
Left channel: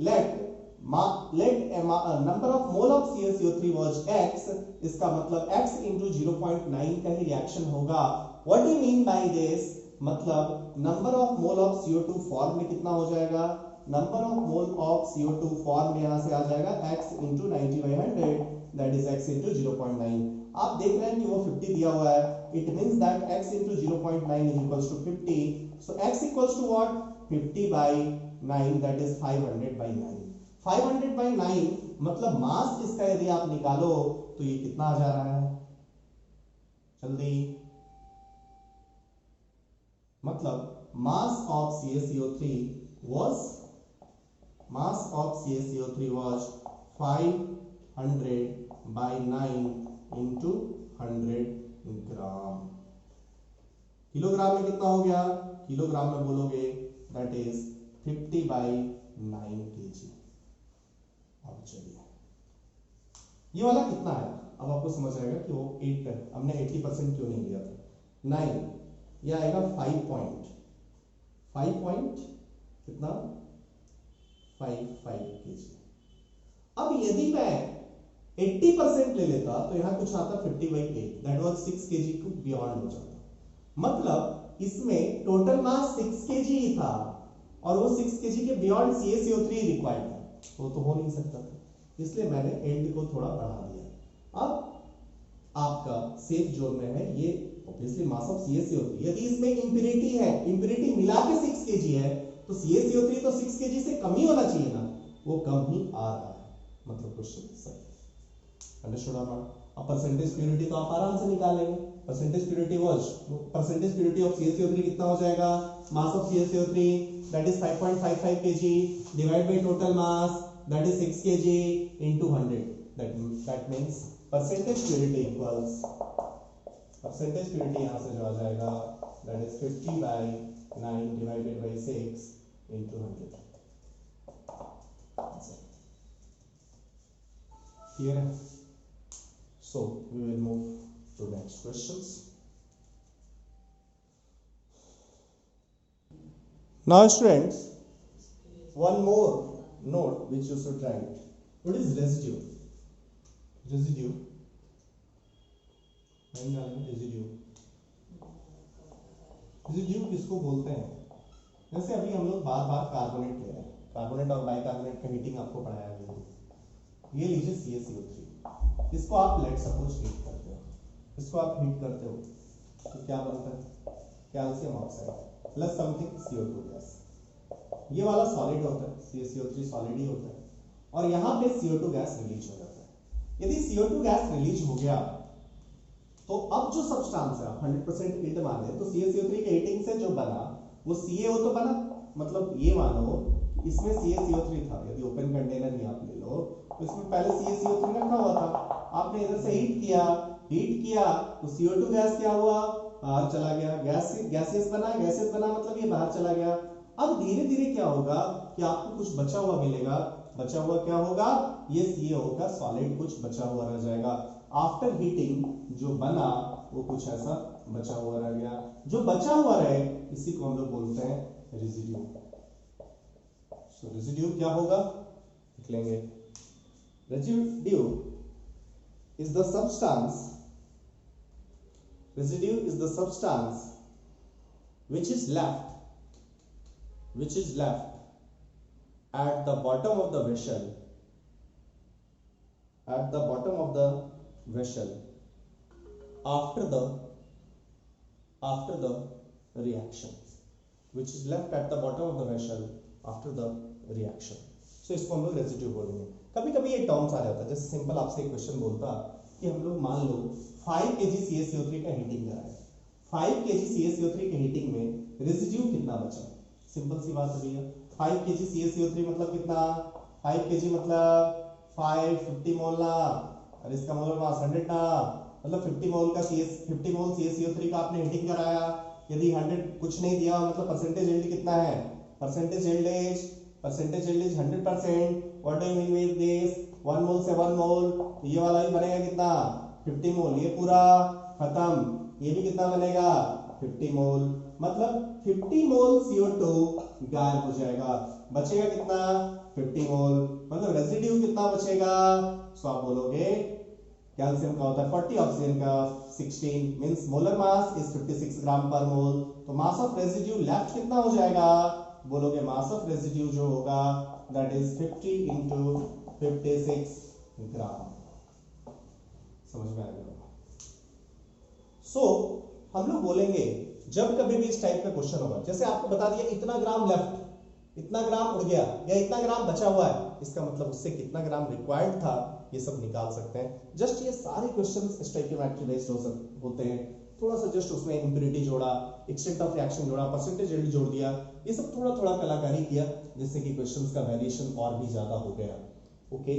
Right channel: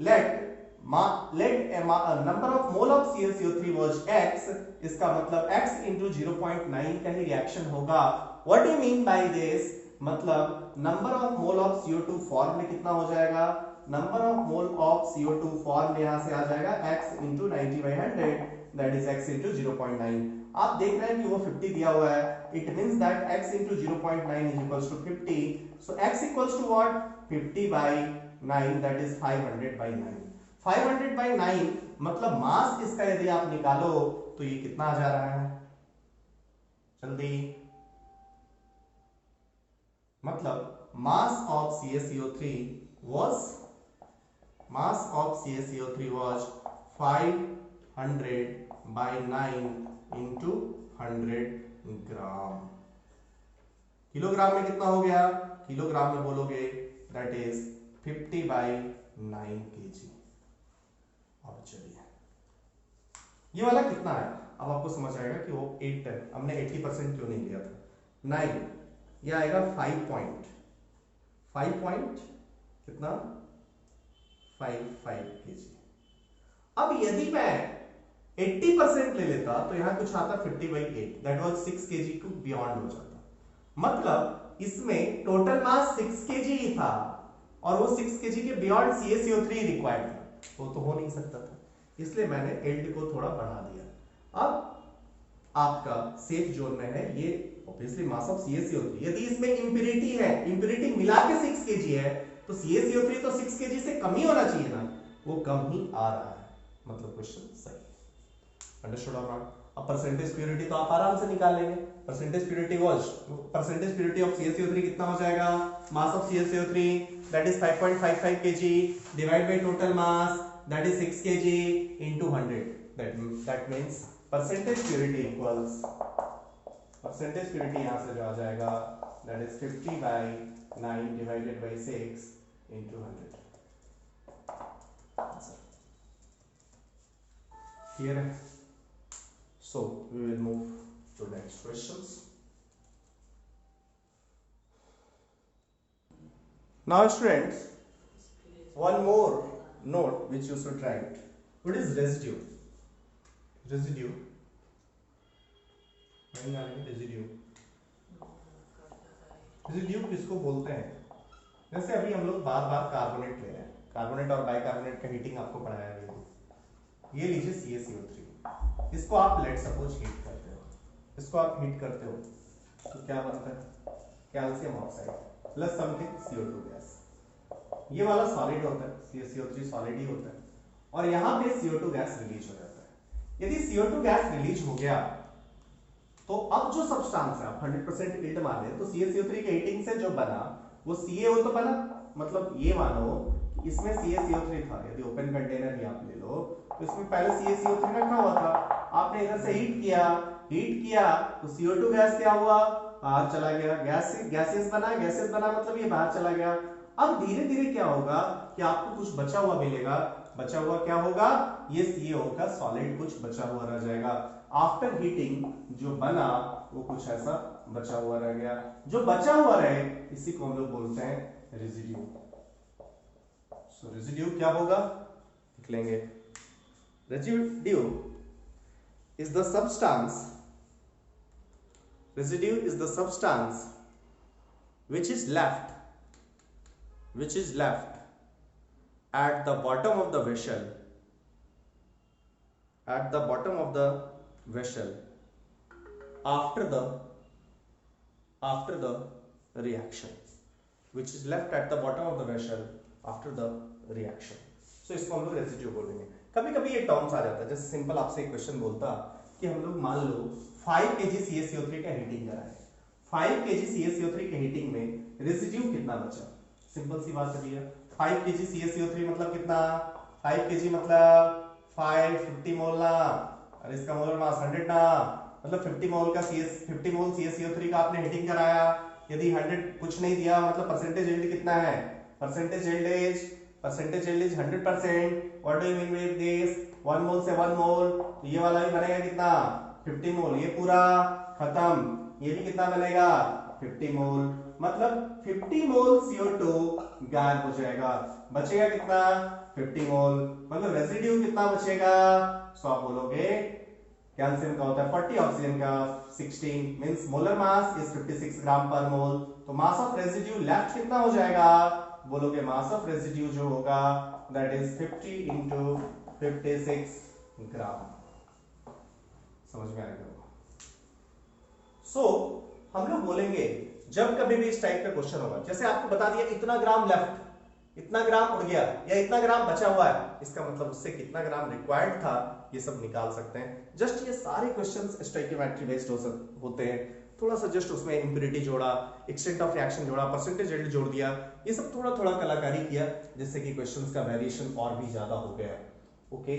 let number of mole of CaCO3 was x, इसका मतलब x into 0.9 का ही रिएक्शन होगा। What do you mean by this? मतलब number of mole of CO2 form में कितना हो जाएगा? number of mole of CO2 form में यहां से आ जाएगा x into 90/100, that is x into 0.9। आप देख रहे हैं कि वो 50 दिया हुआ है, it means that x into 0.9 is equals to 50, so x equals to what? 50/9, that is 500/9। 500/9 मतलब मास इसका यदि आप निकालो तो ये कितना आ जा रहा है? जल्दी, मतलब mass of CaCO3 was 500/9 into 100 gram. Kilogram में कितना हो गया? किलोग्राम में बोलोगे that is 50/9 kg। अब चलिए ये वाला कितना है, अब आपको समझ आएगा कि वो 8 है, हमने 80% क्यों नहीं लिया था। 9 ये आएगा 5 पॉइंट कितना? 55 kg। अब यदि मैं 80% ले लेता तो यहां कुछ आता 50/8, that was 6 kg to beyond हो जाता। मतलब इसमें टोटल मास 6 kg ही था और वो 6 kg के बियॉन्ड CaCO3 रिक्वायर्ड था, वो तो हो नहीं सकता था, इसलिए मैंने एल्ड को थोड़ा बढ़ा दिया। अब आपका सेफ जोन में है ये ऑब्वियसली मास ऑफ CaCO3। यदि इसमें इंप्योरिटी है, इंप्योरिटी मिला के 6 kg है, तो CaCO3 तो 6 kg से कम ही होना चाहिए ना, वो कम ही आ रहा है, मतलब क्वेश्चन सही। अंडरस्टूड और नॉट? अब परसेंटेज प्योरिटी तो आप आराम से निकाल लेंगे। परसेंटेज प्योरिटी ऑफ CaCO3 कितना हो जाएगा? Mass of CaCO3 that is 5.55 kg divide by total mass that is 6 kg into 100, that means percentage purity equals, percentage purity यहां से जो आ जाएगा that is 50/9 divided by 6 into 100। Clear है? So we will move to next questions. Now students, one more note which you should write. What is residue? Residue. Residue किसको बोलते हैं? जैसे अभी हम लोग बार बार कार्बोनेट ले रहे हैं, कार्बोनेट और बाइकार्बोनेट का हीटिंग आपको पढ़ाया है। ये लीजिए CaCO3, इसको आप लेट सपोज हीट करते हो, इसको आप हीट करते हो तो क्या बनता है, calcium oxide plus something CO2 gas. ये वाला सॉलिड होता है, CaCO3 सॉलिड ही होता है, और यहाँ पे CO2 गैस रिलीज हो जाता है। यदि CO2 गैस रिलीज हो गया तो अब जो सब्सटेंस है, आप 100% ईल्ड माने तो CaCO3 के हीटिंग से जो बना वो CaO तो बना, मतलब ये मानो इसमें CaCO3 था, यदि ओपन कंटेनर ही आप ले लो तो इसमें पहले CaCO3 रखा हुआ था, आपने इधर से हीट किया तो CO2 गैस क्या हुआ, बाहर चला गया, गैसेस बना मतलब ये बाहर चला गया। अब धीरे धीरे क्या होगा कि आपको कुछ बचा हुआ मिलेगा, बचा हुआ क्या होगा, ये CaO का सॉलिड कुछ बचा हुआ रह जाएगा। आफ्टर हीटिंग जो बना वो कुछ ऐसा बचा हुआ रह गया, जो बचा हुआ रहे इसी को हम लोग बोलते हैं रेजिड्यू। सो रेजिड्यू क्या होगा, लिख लेंगे, residue is the substance, residue is the substance which is left at the bottom of the vessel, after the reaction, which is left at the bottom of the vessel after the reaction. So इसको हम लोग रेजिड्यू बोलेंगे। कभी कभी ये टर्म्स आ जाता है, जैसे सिंपल आपसे एक क्वेश्चन बोलता कि हम लोग मान लो 5 kg CaCO3 का हीटिंग करा है, 5 kg CaCO3 के हीटिंग में रेजिड्यू कितना बचा, सिंपल सी बात है भैया, 5 kg CaCO3 मतलब कितना, 5 kg मतलब 50 मोल ना, और इसका मोलर मास 100 ना, मतलब 50 मोल CaCO3 का आपने हीटिंग कराया, यदि 100 कुछ नहीं दिया मतलब परसेंटेज यील्ड कितना है, percentage yield is 100%। What do you mean with this, 1 मोल से 1 मोल, तो ये वाला भी बनेगा कितना 50 मोल, ये पूरा खत्म, ये भी कितना बनेगा 50 मोल, मतलब 50 मोल CO2 गायब हो जाएगा, बचेगा कितना 50 मोल, मतलब रेजिड्यू कितना बचेगा, सो आप बोलोगे कैल्शियम का होता है 40, ऑक्सीजन का 16, मींस मोलर मास इज 56 ग्राम पर मोल, तो मास ऑफ रेजिड्यू लेफ्ट कितना हो जाएगा, बोलोगे मास ऑफ रेजिड्यू जो होगा दैट इज 50 into 56 ग्राम। समझ में आ गया? सो हम लोग बोलेंगे जब कभी भी इस टाइप का क्वेश्चन होगा, जैसे आपको बता दिया इतना ग्राम लेफ्ट, इतना ग्राम उड़ गया या इतना ग्राम बचा हुआ है, इसका मतलब उससे कितना ग्राम रिक्वायर्ड था ये सब निकाल सकते हैं। जस्ट ये सारे क्वेश्चंस स्टोइकियोमेट्री बेस्ड होते हैं, थोड़ा सा जस्ट उसमें इंप्योरिटी जोड़ा, एक्सटेंट ऑफ रिएक्शन जोड़ा, परसेंटेज यील्ड जोड़ दिया, ये सब थोड़ा थोड़ा कलाकारी किया जिससे कि क्वेश्चंस का वेरिएशन और भी ज्यादा हो गया। Okay,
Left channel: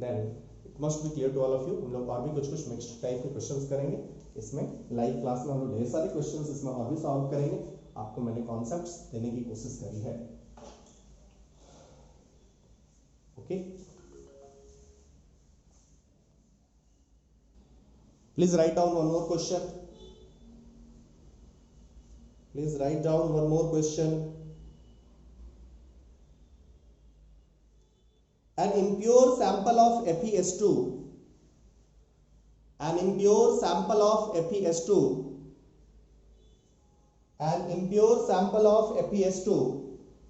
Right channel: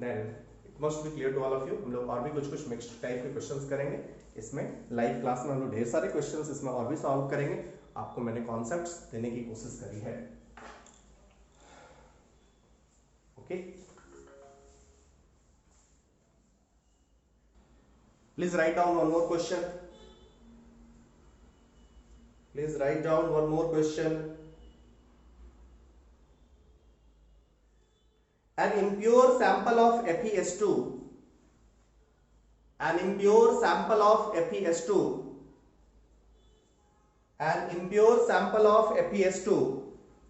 then it must be clear to all of you. हम लोग और भी कुछ मिक्स्ड टाइप के क्वेश्चंस करेंगे इसमें, लाइव क्लास में हम लोग ढेर सारे क्वेश्चंस इसमें और भी सॉल्व करेंगे, आपको मैंने कॉन्सेप्ट्स देने की कोशिश करी है। Okay, please write down one more question. Please write down one more question. An impure sample of FeS2, an impure sample of FeS2, an impure sample of FeS2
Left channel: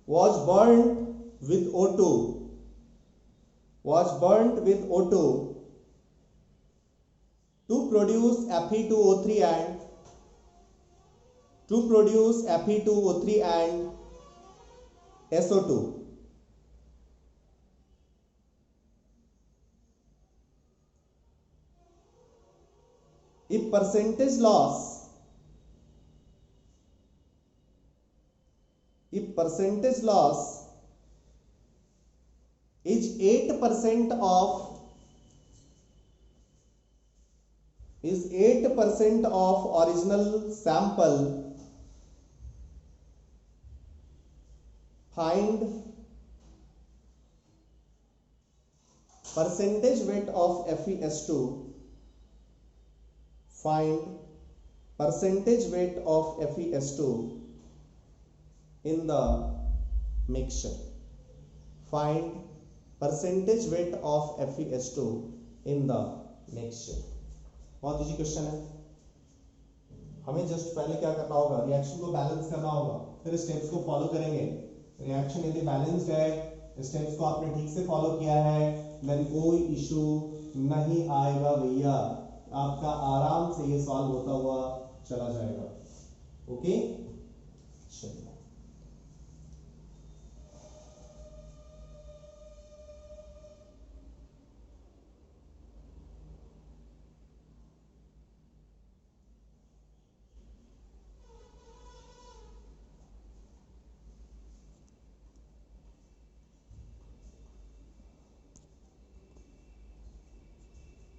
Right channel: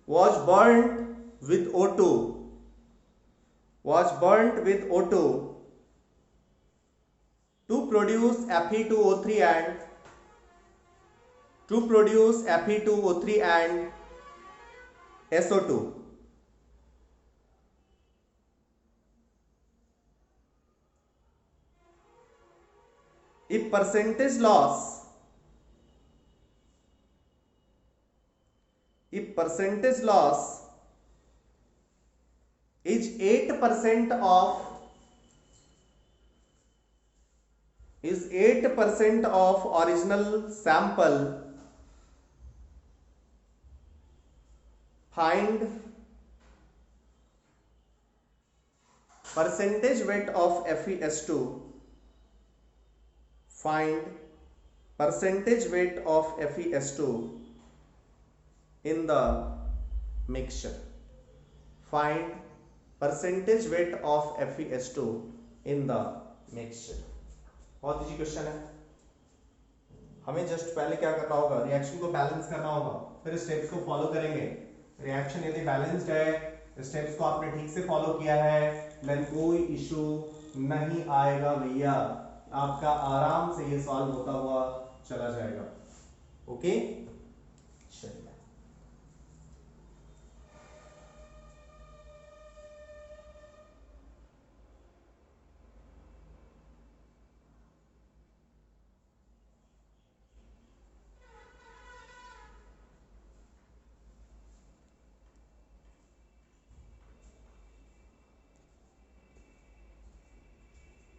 was burnt with O2, was burnt with O2 to produce Fe2O3 and Fe2O3 and SO2. If percentage loss is 8% of original sample, find percentage weight of FeS2, find percentage weight of FeS2 in the mixture, find percentage weight of FeS2 in the mixture। बहुत इजी क्वेश्चन है, हमें जस्ट पहले क्या करना होगा, रिएक्शन को बैलेंस करना होगा, फिर स्टेप्स को फॉलो करेंगे। रिएक्शन यदि बैलेंस्ड है, स्टेप्स को आपने ठीक से फॉलो किया है, देन कोई इशू नहीं आएगा भैया, आपका आराम से ये सॉल्व होता हुआ चला जाएगा। ओके चलिए।